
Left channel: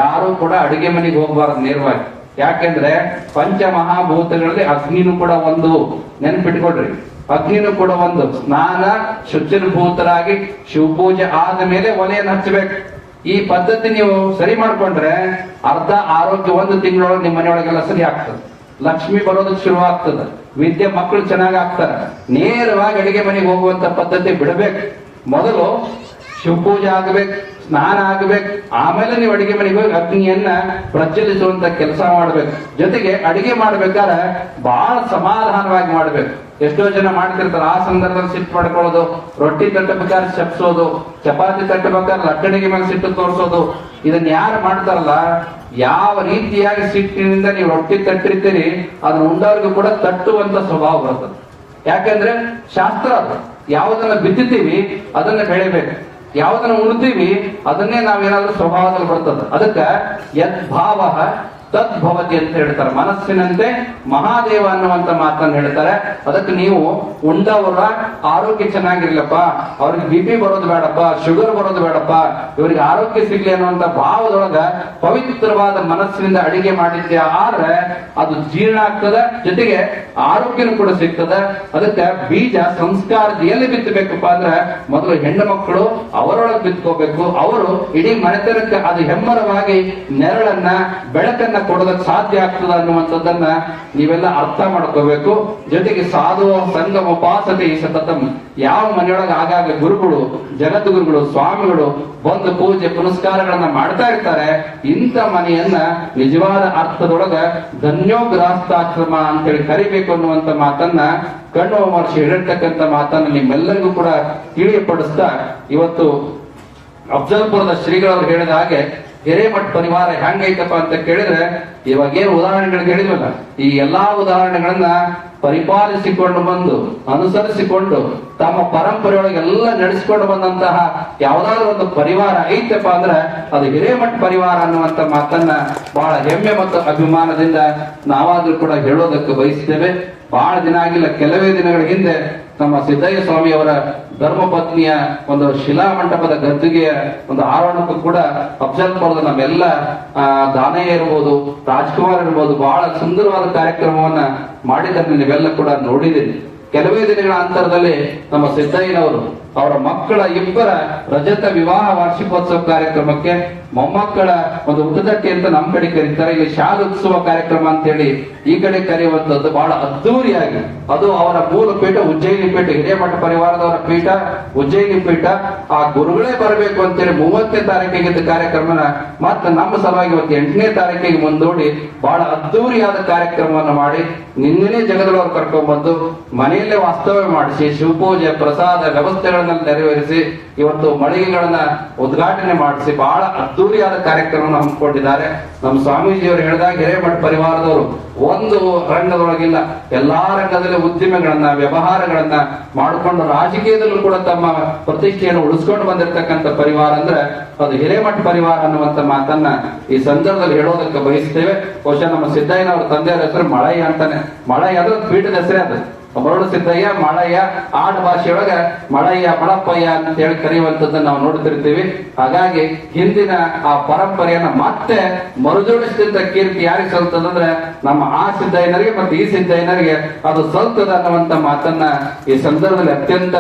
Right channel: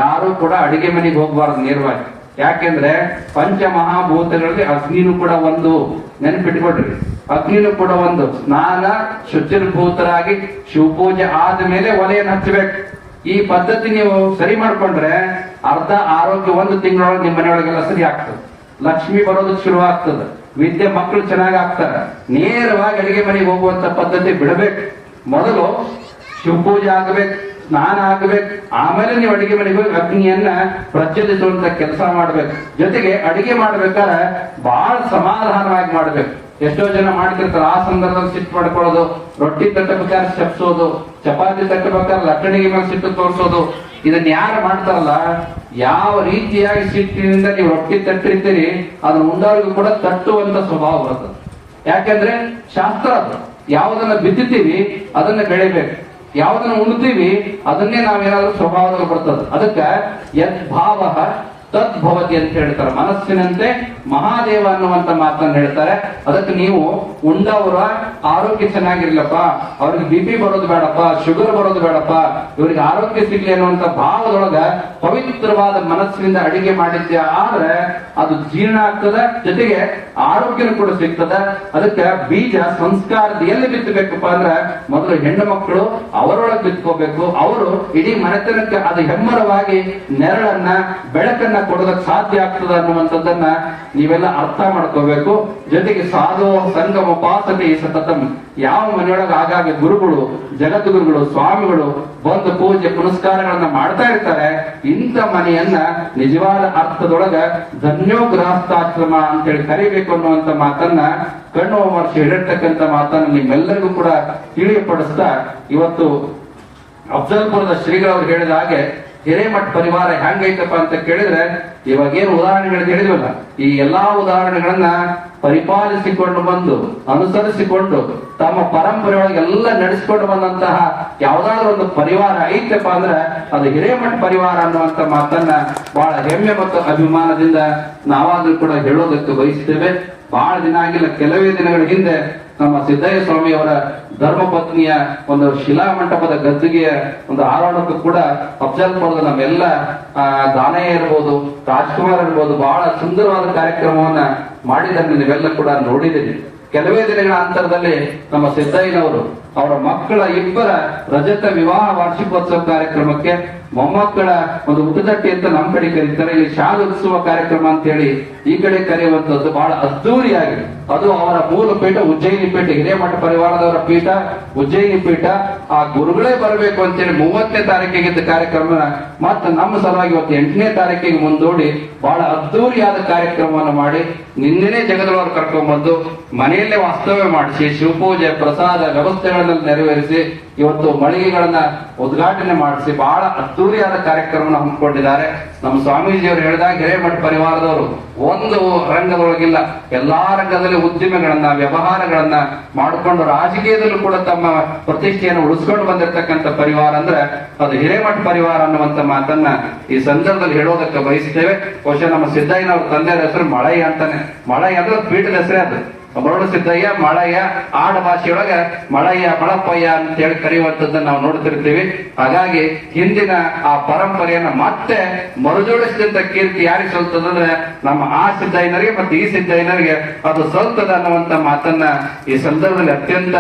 ಯಾರು ಕೂಡ ಅಡಿಗೆ ಮನೆಗೆ ಹೋಗಬಾರದು ನೇರವಾಗಿ. ಯಾಕೆಂದ್ರೆ ಪಂಚಮಹಾಭೂತಗಳಲ್ಲಿ ಅಗ್ನಿನೂ ಕೂಡ ಒಂದು, ನೆನ್ಪಿಟ್ಕೊಡ್ರಿ, ಅಗ್ನಿನೂ ಕೂಡ ಒಂದು. ಸ್ನಾನ ಶುಚಿರ್ಭೂತರಾಗಿ ಶಿವಪೂಜೆ ಆದ ಮೇಲೆ ಒಲೆಯನ್ನು ಹಚ್ಚಬೇಕು. ಈ ಪದ್ಧತಿ ನೀವು ಸರಿ ಮಾಡ್ಕೊಂಡ್ರೆ ಅರ್ಧ ಆರೋಗ್ಯ 1 ತಿಂಗಳೊಳಗೆ ನಿಮ್ಮ ಮನೆಯೊಳಗೆಲ್ಲ ಸರಿ ಆಗ್ತದೆ. ಲಕ್ಷ್ಮಿ ಬರೋದಕ್ಕೆ ಶುರು ಆಗ್ತದೆ, ವಿದ್ಯೆ ಮಕ್ಕಳು ಚೆನ್ನಾಗಿ ಆಗ್ತಾರೆ. ನೇರವಾಗಿ ಅಡಿಗೆ ಮನೆಗೆ ಹೋಗುವಂತ ಪದ್ಧತಿ ಬಿಡಬೇಕು. ಮೊದಲು ಶಿವಪೂಜೆ ಆಗಬೇಕು, ಸ್ನಾನ ಆಗಬೇಕು, ಆಮೇಲೆ ನೀವು ಅಡಿಗೆ ಮನೆಗೆ ಹೋಗಿ ಅಗ್ನಿಯನ್ನ ಪ್ರಜ್ವಲಿಸುವಂತ ಕೆಲಸ ಮಾಡ್ಬೇಕು. ಜೊತೆಗೆ ಅಡಿಗೆ ಮಾಡ್ಬೇಕಾದ್ರೆ ಬಹಳ ಸಮಾಧಾನವಾಗಿ ಮಾಡ್ಬೇಕು. ಎಷ್ಟೋ ಜನ ಮಾಡ್ತಿರ್ತಾರೆ, ಆ ಸಂದರ್ಭದಲ್ಲಿ ಸಿಟ್ಟು ಮಾಡ್ಕೊಳ್ಳೋದು, ರೊಟ್ಟಿ ತಟ್ಟಬೇಕಾದ್ರೆ ಚಪ್ಸೋದು, ಚಪಾತಿ ತಟ್ಟಬೇಕಾದ್ರೆ ಲಟ್ಟಣಿಗೆ ಮೇಲೆ ಸಿಟ್ಟು ತೋರಿಸೋದು. ಇದನ್ನ ಯಾರು ಮಾಡ್ತಾರಲ್ಲ, ಯಾವ ರೀತಿಯಾಗಿ ಸಿಟ್ಟಿನಿಂದ ನೀವು ರೊಟ್ಟಿ ತಟ್ಟಿರ್ತೀರಿ, ಅದನ್ನ ಉಂಡವ್ರಿಗೂ ಕೂಡ ತಟ್ಟುವಂತ ಸ್ವಭಾವ ಬರ್ತದೆ. ಯಾಕಂದ್ರೆ ಶಾಸ್ತ್ರ ಅದು, ಯಾವುದನ್ನ ಬಿತ್ತುತ್ತೀವಿ ಅದನ್ನ ಬೆಳಿಬೇಕು, ಯಾವುದನ್ನ ಉಣ್ತೀವಿ ಅದನ್ನೇ ನಾವೇನಾದ್ರೂ ಸ್ವಭಾವದಲ್ಲಿ ಬರ್ತದೆ. ಅದಕ್ಕೆ ಯದ್ಭಾವ ತದ್ಭವತಿ ಅಂತ ಹೇಳ್ತಾರೆ. ಮನಸ್ಸಿನಂತೆ ಮಹಾದೇವ ಅನ್ನುವಂತ ಮಾತನ್ನು ಹೇಳ್ತಾರೆ. ಅದಕ್ಕೆ ನೀವು ಉಂಡವರ ಆರೋಗ್ಯ ಚೆನ್ನಾಗಿರ್ಲಪ್ಪ, ಅವ್ರಿಗೆ BP ಬರೋದು ಬೇಡಪ್ಪ, ಶುಗರ್ ಬರೋದು ಬೇಡಪ್ಪ, ಇವ್ರಿಗೆ ಆರೋಗ್ಯ ಸಿಗ್ಲಿ ಅನ್ನುವಂತ ಭಾವದೊಳಗ ಪವಿತ್ರವಾದ ಮನಸ್ಸಿನಿಂದ ಅಡಿಗೆ ಮಾಡಿದ್ದೆ ಆದ್ರೆ ಅದು ಜೀರ್ಣ ಆಗ್ತದ, ಜೊತೆಗೆ ಆರೋಗ್ಯನೂ ಕೂಡ ಸಿಗ್ತದ. ಅದಕ್ಕೆ ಬೀಜ ಸಂಸ್ಕಾರದ ಎಲ್ಲಿ ಬಿತ್ತಬೇಕಪ್ಪ ಅಂದ್ರೆ ಮೊದಲು ಹೆಣ್ಣು ಮಕ್ಕಳು ಅವರೊಳಗೆ ಬಿತ್ಕೋಬೇಕು. ಅವರು ಇಡೀ ಮನೆತನಕ್ಕೆ ಅದು ಹೆಮ್ಮರವಾಗಿ ನೆರಳನ್ನ ಬೆಳಕನ್ನ ಕೊಡೋದಕ್ಕೆ ಸಾಧ್ಯ ಆಗ್ತದ ಅನ್ನುವಂಥದ್ದನ್ನ ನೀವೆಲ್ಲ ಅರ್ಥ ಮಾಡ್ಕೋಬೇಕು. ಜೊತೆಗೆ ಸಾಧು ಸಂಗಮ ಉಪಾಸತೆ ಸತತಂ. ಯಾವ ಮನೆಯೊಳಗೆ ಆಗಾಗ ಗುರುಗಳು, ಜಗದ್ಗುರುಗಳು, ಸ್ವಾಮಿಗಳು ಬಂದು ಪೂಜೆ ಪುನಸ್ಕಾರಗಳನ್ನ ಮಾಡ್ತಾ ಇರ್ತಾರೆ, ಇಂಥ ಮನೆಯನ್ನ ನಿಜವಾದ ಅರ್ಥದೊಳಗ ಧನ್ಯೋಗ್ರಾಸ್ತಾಶ್ರಮ ಅಂತೇಳಿ ಕರಿಬೇಕು ಅನ್ನುವಂತ ಮಾತನ್ನ ಕಣ್ಣು ಮಹರ್ಷಿ ಹೇಳಿರ್ತಕ್ಕಂಥ ಮಾತನ್ನ ನಿಮ್ಮೆಲ್ಲರಿಗೂ ಕೂಡ ತಿಳಿಯಪಡಿಸ್ತಾ, ಇವತ್ತು ಅಫ್ಜಲ್ಪುರದ ಶ್ರೀಗಳವರು ಹೇಳಿದ ಹಾಗೆ ಹಿರೇಮಠ ಪರಿವಾರ ಹೆಂಗೈತಪ್ಪ ಅಂತ ಕೇಳಿದ್ರೆ, ಇವಾಗ ಏನು ಉದಾಹರಣೆಗಳು ಹೇಳಿದ್ವಲ್ಲ, ಈ ಎಲ್ಲಾ ಉದಾಹರಣೆಗಳನ್ನ ಪರಿಪಾಲಿಸಿಕೊಂಡು ಬಂದು ಅನುಸರಿಸಿಕೊಂಡು ತಮ್ಮ ಪರಂಪರೆಯೊಳಗೆ ಎಲ್ಲ ನಡೆಸಿಕೊಂಡು ಬಂದಂತಹ ಯಾವ್ದಾದ್ರು ಒಂದು ಪರಿವಾರ ಐತಪ್ಪ ಅಂದ್ರೆ ಅದು ಹಿರೇಮಠ ಪರಿವಾರ ಅನ್ನುವಂತ ಮಾತನ್ನ ಬಹಳ ಹೆಮ್ಮೆ ಮತ್ತು ಅಭಿಮಾನದಿಂದ ನಾವಾದ್ರೂ ಕೂಡ ಹೇಳೋದಕ್ಕೆ ಬಯಸ್ತೇವೆ. ಬಹಳ ದಿನ ಆಗಿಲ್ಲ, ಕೆಲವೇ ದಿನಗಳ ಹಿಂದೆ ನಮ್ಮ ಸಿದ್ದಯ್ಯ ಸ್ವಾಮಿಯವರ ಧರ್ಮಪತ್ನಿಯ ಒಂದು ಶಿಲಾ ಮಂಟಪದ ಗದ್ದುಗೆಯ ಒಂದು ಆರೋಹಣಕ್ಕೂ ಕೂಡ ಅಫ್ಜಲ್ಪುರದ ನಮ್ಮೆಲ್ಲ ದಾನಯ್ಯ ಇರ್ಬೋದು, ರಾಜ್ಕುಮಾರ್ ಇರ್ಬೋದು, ಬಹಳ ಸುಂದರವಾದ ಕಾರ್ಯಕ್ರಮವನ್ನ ಮಾಡಿದ್ದನ್ನು ನೀವೆಲ್ಲ ಕೂಡ ನೋಡಿದ್ದೀರಿ. ಕೆಲವೇ ದಿನಗಳ ಅಂತರದಲ್ಲಿ ನಮ್ಮ ಸಿದ್ದಯ್ಯನವರು ಅವರ ಮಕ್ಕಳ 2 ರಜತ ವಿವಾಹ ವಾರ್ಷಿಕೋತ್ಸವ ಕಾರ್ಯಕ್ರಮಕ್ಕೆ ಮೊಮ್ಮಕ್ಕಳ ಒಂದು ಉಪದಟ್ಟಿ ಅಂತ ನಮ್ಮ ಕಡೆ ಕರೀತಾರೆ, ಇಲ್ಲಿ ಶಾಲೋತ್ಸವ ಕಾರ್ಯಕ್ರಮ ಅಂತ ಹೇಳಿ ಈ ಕಡೆ ಕರೆಯುವಂತದ್ದು ಬಹಳ ಅದ್ದೂರಿಯಾಗಿ. ಅದು ಅವರ ಮೂಲ ಪೀಠ ಉಜ್ಜಯಿನಿ ಪೀಠ, ಹಿರೇಮಠ ಪರಿವಾರದವರ ಪೀಠ ಉಜ್ಜಯಿನಿ ಪೀಠ. ಆ ಗುರುಗಳೇ ಬರಬೇಕು ಅಂತೇಳಿ 30ನೇ ತಾರೀಕಿಗಿದ್ದ ಕಾರ್ಯಕ್ರಮನ ಮತ್ತೆ ನಮ್ಮ ಸಲುವಾಗಿ ಇವತ್ತು 8ನೇ ತಾರೀಕಿಗೆ ಮುಂದೂಡಿ ಬಹಳ ಅದ್ದೂರಿಯಾದ ಕಾರ್ಯಕ್ರಮವನ್ನು ಮಾಡಿ ನಿನ್ನೆನೇ ಜಗದೊಳವರು ಕರ್ಕೊಂಡ್ಬಂದು ಮನೆಯಲ್ಲೇ ವಾಸ್ತವ್ಯ ಮಾಡಿಸಿ ಶಿವಪೂಜೆ ಪ್ರಸಾದ ವ್ಯವಸ್ಥೆಗಳನ್ನ ನೆರವೇರಿಸಿ ಇವತ್ತು ಮಳಿಗೆಗಳನ್ನ ಉದ್ಘಾಟನೆ ಮಾಡಿಸಿ ಬಹಳ ಅದ್ದೂರಿಯಾದ ಕಾರ್ಯಕ್ರಮವನ್ನು ಹಮ್ಮಿಕೊಂಡಿದ್ದಾರೆ. ನಮ್ಮ ಸ್ವಾಮೀಜಿಯವರು ಹೇಳಿದಾಗ ಹಿರೇಮಠ ಪರಿವಾರದವರು ಒಂದು ರಂಗದೊಳಗಿಲ್ಲ, ಎಲ್ಲಾ ರಂಗದಲ್ಲಿ ಉದ್ದಿಮೆಗಳನ್ನ ವ್ಯವಹಾರಗಳನ್ನ ಮಾಡಿಕೊಂಡು ರಾಜಕೀಯದಲ್ಲೂ ಕೂಡ ತಮ್ಮ ಪ್ರತಿಷ್ಠೆಯನ್ನು ಉಳಿಸ್ಕೊಂಡು ಬಂದಿರತಕ್ಕಂಥ ಪರಿವಾರ ಅಂದ್ರೆ ಅದು ಹಿರೇಮಠ ಪರಿವಾರ ಅನ್ನುವಂತ ಮಾತನ್ನ ಈ ಸಂದರ್ಭದಲ್ಲಿ ಹೇಳೋದಕ್ಕೆ ಬಯಸ್ತೇವೆ. ಬಹುಶಃ ನಮ್ಮ ಸಿದ್ದಯ್ಯನವ್ರ ತಂದೆಯವರ ಹೆಸರು ಮಳಯ್ಯ ಅಂತಾನೆ. ಮಳಯ್ಯ ಅಂದ್ರೆ ಪೀಠದ ಹೆಸರೇ ಅದು. ಮರಳು ಸಿದ್ದಯ್ಯ ಮಳಯ್ಯ, ಆಡ ಭಾಷೆಯೊಳಗ ಮಳಯ್ಯ ಮಳಪ್ಪಯ್ಯ ಅಂತ ಹೇಳಿ ಕರೆಯುವಂತದ್ದನ್ನ ನಾವು ನೋಡ್ತಿರ್ತೀವಿ. ಹಾಗಾಗಿ ಹಿಂದಿನ ಆ ಪರಂಪರೆಯನ್ನ ಮತ್ತೆ ಮರುಜೋಡಿಸಿದಂತ ಕೀರ್ತಿ ಯಾರಿಗೆ ಸಲ್ತದಂದ್ರೆ ನಮ್ಮ ಆ ಸಿದ್ದಯ್ಯನರಿಗೆ ಮತ್ತೆ ಈ ಸಿದ್ದಯ್ಯನರಿಗೆ ಅದು ಸಲ್ತದ ಅನ್ನುವಂತ ಮಾತನ್ನ ಈ ಸಂದರ್ಭದಲ್ಲಿ ಅತ್ಯಂತ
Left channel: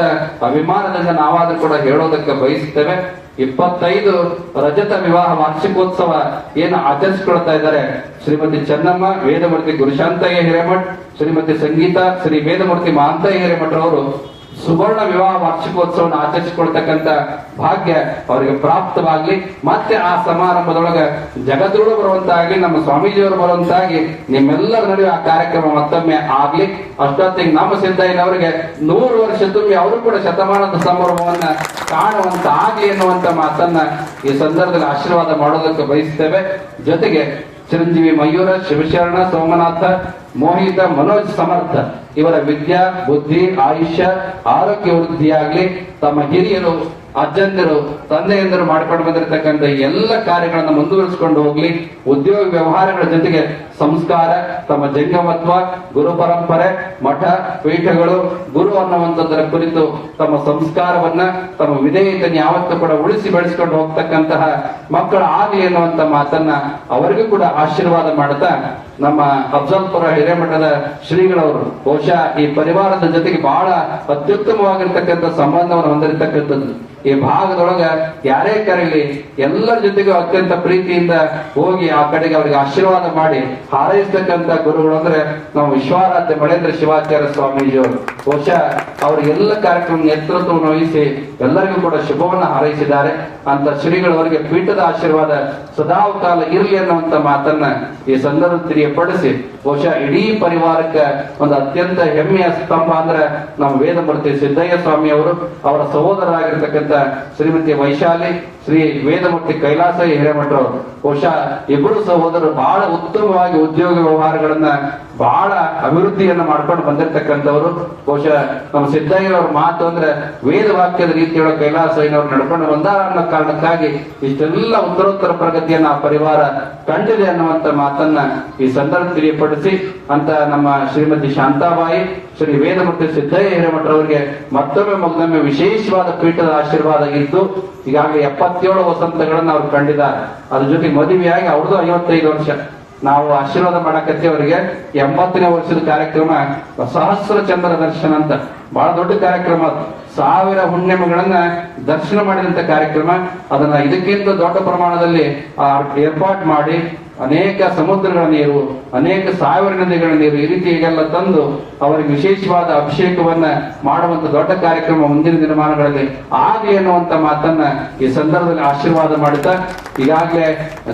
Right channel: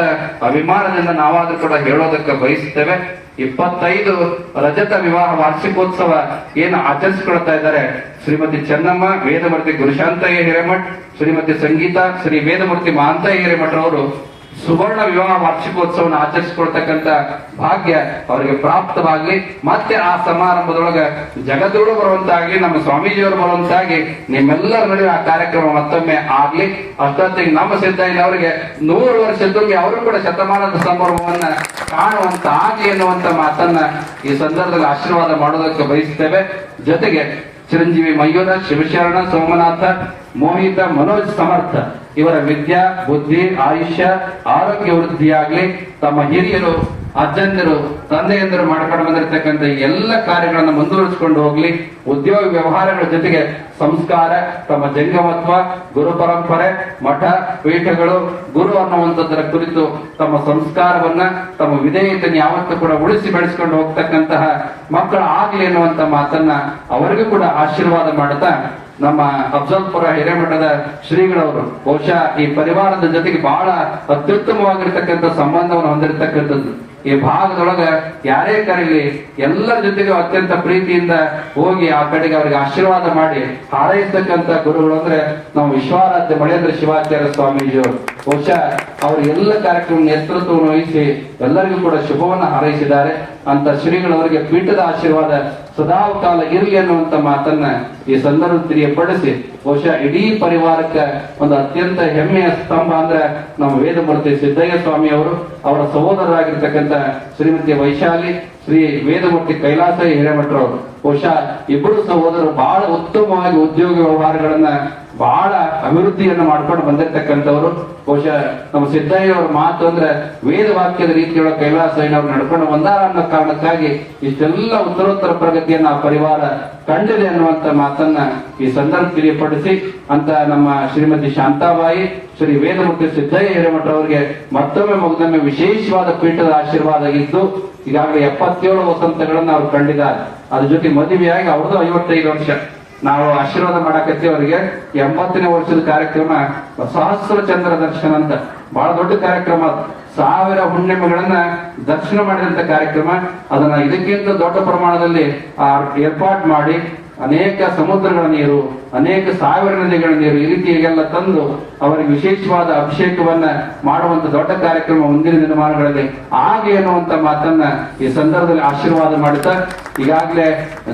ಅಭಿಮಾನದಿಂದ ನಾವಾದ್ರೂ ಕೂಡ ಹೇಳೋದಕ್ಕೆ ಬಯಸುತ್ತೇವೆ. 25 ರಜತ ವಿವಾಹ ವಾರ್ಷಿಕೋತ್ಸವ ಏನು ಆಚರಿಸಿಕೊಳ್ತಾ ಇದ್ದಾರೆ ಶ್ರೀಮತಿ ಚೆನ್ನಮ್ಮ ವೇದಮೂರ್ತಿ ಗುರುಶಾಂತಯ್ಯ ಹಿರೇಮಠ್, ಶ್ರೀಮತಿ ಸಂಗೀತಾ ಶ್ರೀ ವೇದಮೂರ್ತಿ ಮಹಾಂತಯ್ಯ ಹಿರೇಮಠ್ ಅವರು ಸುವರ್ಣ ವಿವಾಹ ವಾರ್ಷಿಕೋತ್ಸವವನ್ನು ಆಚರಿಸಿಕೊಳ್ತಕ್ಕಂಥ ಭಾಗ್ಯ ಅವರಿಗೆ ಪ್ರಾಪ್ತವಾಗ್ಲಿ. ಮತ್ತೆ ಆ ಸಮಾರಂಭದೊಳಗ ಜಗದ್ಗುರು ಬರುವಂತಾಗ್ಲಿ, ನಮ್ಮ ಸ್ವಾಮೀಜಿಯವರು ಬರುವಂತಾಗಿ ನಿಮ್ಮೆಲ್ಲರ ನಡುವೆ ಆ ಕಾರ್ಯಕ್ರಮ ಮತ್ತೊಮ್ಮೆ ಆಗ್ಲಿ. ಅಷ್ಟೊತ್ತಿಗೆ ನಮ್ಮ ಸಿದ್ದಯ್ಯನವರಿಗೆ 100 ವರ್ಷ ತುಂಬಿ ಅವರು ಕೂಡ ಶತಮಾನದ ಸಂಭ್ರಮವನ್ನ ಕಾಣುವಂತ ಆಗ್ಲಿ ಎನ್ನುವಂತ ಮಾತನ್ನ ಈ ಸಂದರ್ಭದಲ್ಲಿ ಆಶೀರ್ವಾದ ಮಾಡೋದಕ್ಕೆ ಬಯಸ್ತೇವೆ. ಜೊತೆಗೆ ಚಿರಂಜೀವಿ ಮಯೂರ, ಶಿವಶರಣ, ಸೋಮನಾಥ, ಮೋಹಿತ, ಮನೋಜ್ ಸಮರ್ಥ ಇವರ ವಿದ್ಯಾ ಬುದ್ಧಿ ಆಯುಷ್ಯ ಆರೋಗ್ಯ ವೃದ್ಧಿಯಾಗ್ಲಿ. ತಮ್ಮ ಹಿರಿಯರು ಅಜ್ಜಂದಿರು ತಂದೆಯಂದರು ಮಾಡ್ಕೊಂಡು ಬಂದಿರತಕ್ಕಂಥ ಎಲ್ಲ ಕಾರ್ಯಗಳನ್ನು ಮುಂದುವರಿಸಿಕೊಂಡು ಹೋಗ್ಲಿ. ಉದ್ಯೋಗ ವ್ಯವಹಾರಗಳ ಜೊತೆಗೆ ಸಂಸ್ಕಾರ, ತಮ್ಮ ಜಂಗಮತ್ವ, ಗುರು ಪರಂಪರೆ, ಮಠ ಪೀಠಗಳು, ಗುರು ಅನ್ನುವಂಥದ್ದರ ಕುರಿತು ತಮ್ಮ ಸಂಸ್ಕಾರವನ್ನ ತಮ್ಮ ವಿಧೇಯತೆಯನ್ನು ಯಾವತ್ತೂ ಕೂಡ ಉಳಿಸಿ ಬೆಳೆಸಿಕೊಂಡು ಹೋಗ್ತಕ್ಕಂತಹ ಮಕ್ಕಳು ಆಗ್ಲಿ ಎನ್ನುವಂತ ಮಾತನ್ನ ಅವರಿಗೂ ಕೂಡ ಆಶೀರ್ವಾದ ಮಾಡುತ್ತಾ ನಮ್ಮ ಅಫ್ಜಲ್ಪುರ ಹಿರೇಮಠದ ಶ್ರೀಗಳವರು ಬಹುಶಃ ಈ ಪರಿವಾರದ ಜೊತೆಗೆ ಬಹಳ ಅತ್ಯುತ್ತಮವಾಗಿರ್ತಕ್ಕಂಥ ಸಂಬಂಧವನ್ನು ಹೊಂದಿರತಕ್ಕಂಥದ್ದು. ಈ ಭಾಗದೊಳಗ ಯಾರೇ ಕರೀಲಿ ಎಲ್ಲರ ಜೊತೆಗೂ ಅತ್ಯಂತ ಪ್ರೀತಿಯಿಂದ ಹೋಗಿ ಆ ಕಡೆಗೆ ಅವರಿಗೆ ಆಶೀರ್ವಾದ ಮಾಡಿ ಹಾರೈಸತಕ್ಕಂಥ ಗುರುಗಳು ಅಂದ್ರೆ ನಾವು ವಿಶ್ವಾರಾಧ್ಯ ಮಳೇಂದ್ರ ಶಿವಾಚಾರ್ಯ ಸ್ವಾಮೀಜಿಯವರು. ಬಹುಶಃ ಅವರು ಎಲ್ಲ ಕಾರ್ಯಕ್ರಮ ನೇತೃತ್ವವನ್ನು ವಹಿಸಿ ಎಲ್ಲರಿಗೂ ಕೂಡ ಶುಭವನ್ನ ಹಾರೈಸಿದ್ದಾರೆ. ಅಂತ ಶ್ರೀಗಳವರಿಗೆ ಪೀಠದ ಆಶೀರ್ವಾದ ಸದಾಕಾಲ ಇರಲಿ ಅನ್ನುವಂತ ಮಾತನ್ನ ಈ ಸಂದರ್ಭ ತಿಳಿಯಪಡಿಸಿ ಬಹುಶಃ ಇಡೀ ಪರಿವಾರಕ್ಕೆ ಒಂದು ಅತ್ಯಂತ ಹೆಮ್ಮೆಯ ಸ್ತಂಭ ಅಂದ್ರೆ ನಮ್ಮ ವೇದಮೂರ್ತಿ ಸಿದ್ದಯ್ಯ ಸ್ವಾಮಿ ಅವರು, ಅವರ ಸಹೋದರರಾಗಿರ್ತಕ್ಕಂಥ ಶ್ರೀಮತಿ ವೈಶಾಲಿ, ಶ್ರೀ ವೇದಮೂರ್ತಿ ಕೈಲಾಸಯ್ಯ ಹಿರೇಮಠರವರು. ಬಹುಶಃ ಇಬ್ಬರು ಸಹೋದರರು ಬಹಳ ಉತ್ತಮವಾಗಿ ಉದ್ಯೋಗ ವ್ಯವಹಾರಗಳನ್ನ ಬಹಳ ಅಭಿವೃದ್ಧಿಯನ್ನು ಮಾಡ್ಕೊಂಡು ಬಂದಿರತಕ್ಕಂಥವ್ರು. ಬಹುಶಃ ನಮ್ಮ ಸಿದ್ದಯ್ಯನವರ ಮಾತು ಅಂದ್ರೆ ವೇದ ವಾಕ್ಯದ ರೀತಿಯೊಳಗೆ ಕೈಲಾಸಯ್ಯನವ್ರು ನಡ್ಕೊಂಡು ಬಂದಾರ ಅನ್ನೋ ಕಾರಣಕ್ಕಾಗಿ ಇಷ್ಟೆಲ್ಲ ಉತ್ತರೋತ್ತರ ಪ್ರಗತಿಯನ್ನ ಆ ಪರಿವಾರ ಕಂಡಿದೆ ಅನ್ನುವಂತ ಮಾತನ್ನ ಈ ಸಂದರ್ಭ ತಿಳಿಯಪಡಿಸಿ ಅಂತ ನಮ್ಮ ಶ್ರೀಮತಿ ಶಾಂತಾಬಾಯಿ, ಶ್ರೀ ವೇದಮೂರ್ತಿ ಸಿದ್ದಯ್ಯ ಹಿರೇಮಠರವರಿಗೆ ಮತ್ತೊಮ್ಮೆ ವಿಶೇಷವಾದ ಪೀಠದ ಆಶೀರ್ವಾದ ಇದ್ದು ಈಗಾಗಲೇ 77 ವಸಂತಗಳನ್ನ ಅವ್ರು ಕಂಡಿದ್ದಾರೆ. ಅದ್ರ ಜೊತೆ ಮದುವೆಯಾಗಿ ಅವ್ರದ್ದು 55 ವರ್ಷ. ನಾವು ಆಶೀರ್ವಾದ ಮಾಡಕತ್ತಿ ಅವರಿಗೆ 80ನೇ ವರ್ಷದ ಕಾರ್ಯಕ್ರಮ ಸಹಸ್ರ ಚಂದ್ರ ದರ್ಶನ ಅಂತ ಬಹಳ ದೊಡ್ಡ ಕಾರ್ಯಕ್ರಮ. 1000 ಹುಣ್ಣಿಮೆಗಳನ್ನ ದರ್ಶನ ಮಾಡಿದಂತ ಕಾರ್ಯಕ್ರಮ. ಅದನ್ನ ಇದಕ್ಕಿಂತ ದೊಡ್ಡ ಪ್ರಮಾಣದಲ್ಲಿ ಏರ್ಪಾಟ್ ಮಾಡಿ ಅನೇಕ ಸಮುದ್ರಗಳ ನೀರು, ಅನೇಕ 1000 ನದಿಗಳ ನೀರು ಈ ರೀತಿಯಾಗೆಲ್ಲ ತಂದು ಅವರಿಗೆ ವಿಶೇಷವಾದ ಅಭಿಷೇಕವನ್ನ ಮಾಡುವಂತ ದೊಡ್ಡ ಕಾರ್ಯಕ್ರಮ ಮುಂದಿನ ದಿನಮಾನಗಳಲ್ಲಿ ಆಗಲಿ ಅನ್ನುವಂತ ಮಾತನ್ನ ಈ ಸಂದರ್ಭದಲ್ಲಿ ಆಶೀರ್ವಾದ ಮಾಡುತ್ತಾ ಈಗಾಗಲೇ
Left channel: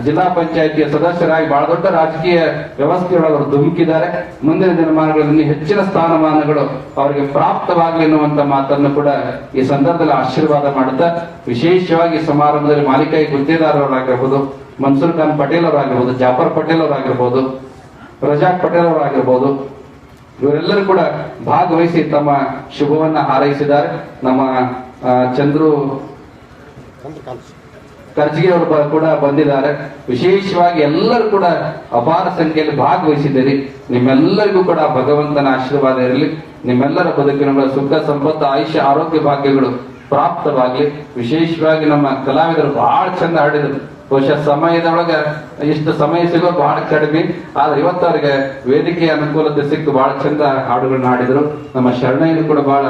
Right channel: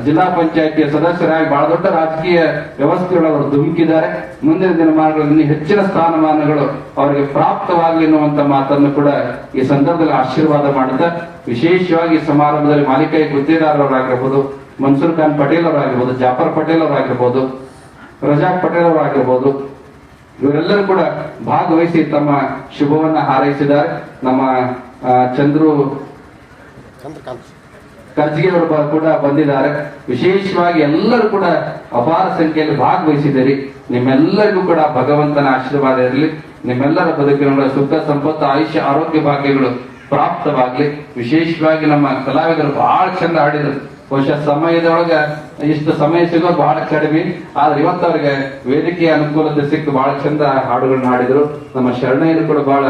ಜಿಲ್ಲಾ ಪಂಚಾಯಿತಿಯ ಸದಸ್ಯರಾಗಿ ಬಹಳ ದೊಡ್ಡ ರಾಜಕೀಯ ವ್ಯವಸ್ಥೆಯೊಳಗೆ ಅವರು ಧುಮುಕಿದ್ದಾರೆ. ಮುಂದಿನ ದಿನಮಾನಗಳಲ್ಲಿ ಹೆಚ್ಚಿನ ಸ್ಥಾನಮಾನಗಳು ಅವರಿಗೆ ಪ್ರಾಪ್ತವಾಗಲಿ ಎನ್ನುವಂತ ಮಾತನ್ನು ಕೂಡ ಈ ಸಂದರ್ಭದಲ್ಲಿ ಆಶೀರ್ವಾದ ಮಾಡುತ್ತಾ ವಿಶೇಷವಾಗಿ ಸಮಾರಂಭದಲ್ಲಿ ಮಾಲಿಕಾಯಿ ಗುತ್ತೇದಾರರಾಗಿರ್ಬೋದು, ಮನ್ಸೂರ್ ಖಾನ್ ಪಟೇಲ್ ಅವರಾಗಿರ್ಬೋದು, ಜಾಫರ್ ಪಟೇಲ್ ಅವರಾಗಿರ್ಬೋದು, ರಜಾಕ್ ಪಟೇಲ್ ಅವರಾಗಿರ್ಬೋದು, ಇವರೆಲ್ಲರೂ ಕೂಡ ಭಾಗವಹಿಸಿ ತಮ್ಮ ಶುಭವನ್ನ ಹಾರೈಸಿದ್ದಾರೆ. ನಮ್ಮ ಚಂದ್ರು ಕರ್ಜಿಗೆ ಅವರು ಕೂಡ ಬಂದಿದ್ದಾರೆ. ವಿಶೇಷವಾಗಿ ಎಲ್ಲರೂ ಕೂಡ ಅಪಾರ ಸಂಖ್ಯೆಯಲ್ಲಿ ಭಾಗವಹಿಸಿದ್ದೀರಿ. ನಿಮ್ಮೆಲ್ಲರಿಗೂ ಕೂಡ ಭಗವಂತನ ಆಶೀರ್ವಾದ ಇರಲಿ. ನಿಮ್ಮೆಲ್ಲರ ಬದುಕಿನ ಸುಖ ಸಂಪತ್ತು ಆಯುಷ್ಯ ಆರೋಗ್ಯ ಭಾಗ್ಯಗಳು ಪ್ರಾಪ್ತವಾಗ್ಲಿ. ವಿಶೇಷವಾಗಿ ನಮ್ಮ ಕಲಾವಿದರು ಬಹಳ ಚಂದ ಹಾಡಿದರು. ಬಹುಶಃ ಸಮಯದೊಳಗ ಇಷ್ಟು ಸಮಯ ಸಿಗೋದು ಬಹಳ ಕಡಿಮೆ, ಆದ್ರೆ ಇವತ್ತು ಅವ್ರಿಗೆ ವೇದಿಕೆಯ ಅನುಕೂಲತೆ ಸಿಕ್ಕು ಬಹಳ ಚಂದ ಹಾಡುಗಳನ್ನ ಹಾಡಿದ್ರು. ನಮ್ಮ ಶರಣಯ್ಯರು ಕೂಡ ಬಹಳ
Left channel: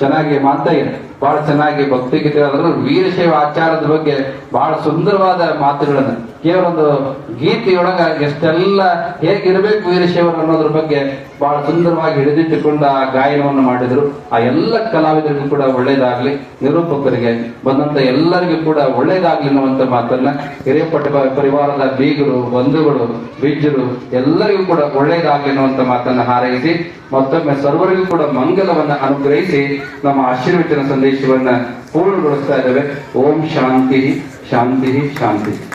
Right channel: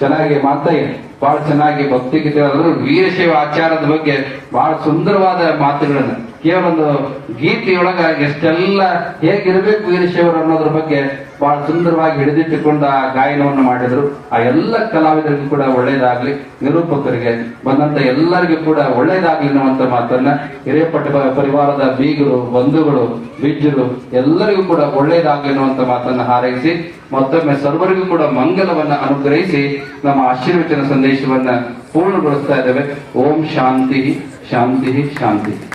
ಚೆನ್ನಾಗಿ ಮಾತಯ್ಯ ಬಹಳ ಚೆನ್ನಾಗಿ ಭಕ್ತಿಗೀತೆ ವೀರಶೈವ ಆಚಾರದ ಬಗ್ಗೆ ಬಹಳ ಸುಂದರವಾದ ಮಾತುಗಳನ್ನು ಕೇವಲ ಒಂದು ಗೀತೆಯೊಳಗ ಎಷ್ಟೆಲ್ಲ ಹೇಗಿರಬೇಕು ವೀರಶೈವರು ಅನ್ನೋದ್ರ ಬಗ್ಗೆ ಬಹಳ ಸುಂದರವಾಗಿ ಹಿಡಿದಿಟ್ಟುಕೊಂಡು ಆ ಗಾಯನವನ್ನು ಮಾಡಿದ್ರು. ಆ ಎಲ್ಲ ಕಲಾವಿದರಿಗೂ ಕೂಡ ಒಳ್ಳೇದಾಗ್ಲಿ, ನಿರೂಪಕರಿಗೆ ಬಂದಂತ ಎಲ್ಲರಿಗೂ ಕೂಡ ಒಳ್ಳೇದಾಗ್ಲಿ ಅನ್ನುವಂತ ಮಾತನ್ನ ಹಿರೇಪಟ್ಟ ಪರಿವಾರದ ಬೀಗರು, ಬಂಧುಗಳು, ಬಿಜ್ಜರು ಎಲ್ಲರಿಗೂ ಕೂಡ ಒಳ್ಳೇದಾಗ್ಲಿ ಅನ್ನುವಂತ ಮಾತನ್ನ ಹಾರೈಸಿ ಮತ್ತೊಮ್ಮೆ ಸರ್ವರಿಗೂ ಕೂಡ ಮಂಗಲವನ್ನ ಅನುಗ್ರಹಿಸಿ ನಮ್ಮ ಆಶೀರ್ವಚನ ಸಂದೇಶವನ್ನ ಪೂರ್ಣಗೊಳಿಸ್ತಾ ಇದ್ದೇವೆ. ಓಂ ಶಾಂತಿ ಶಾಂತಿ ಶಾಂತಿ.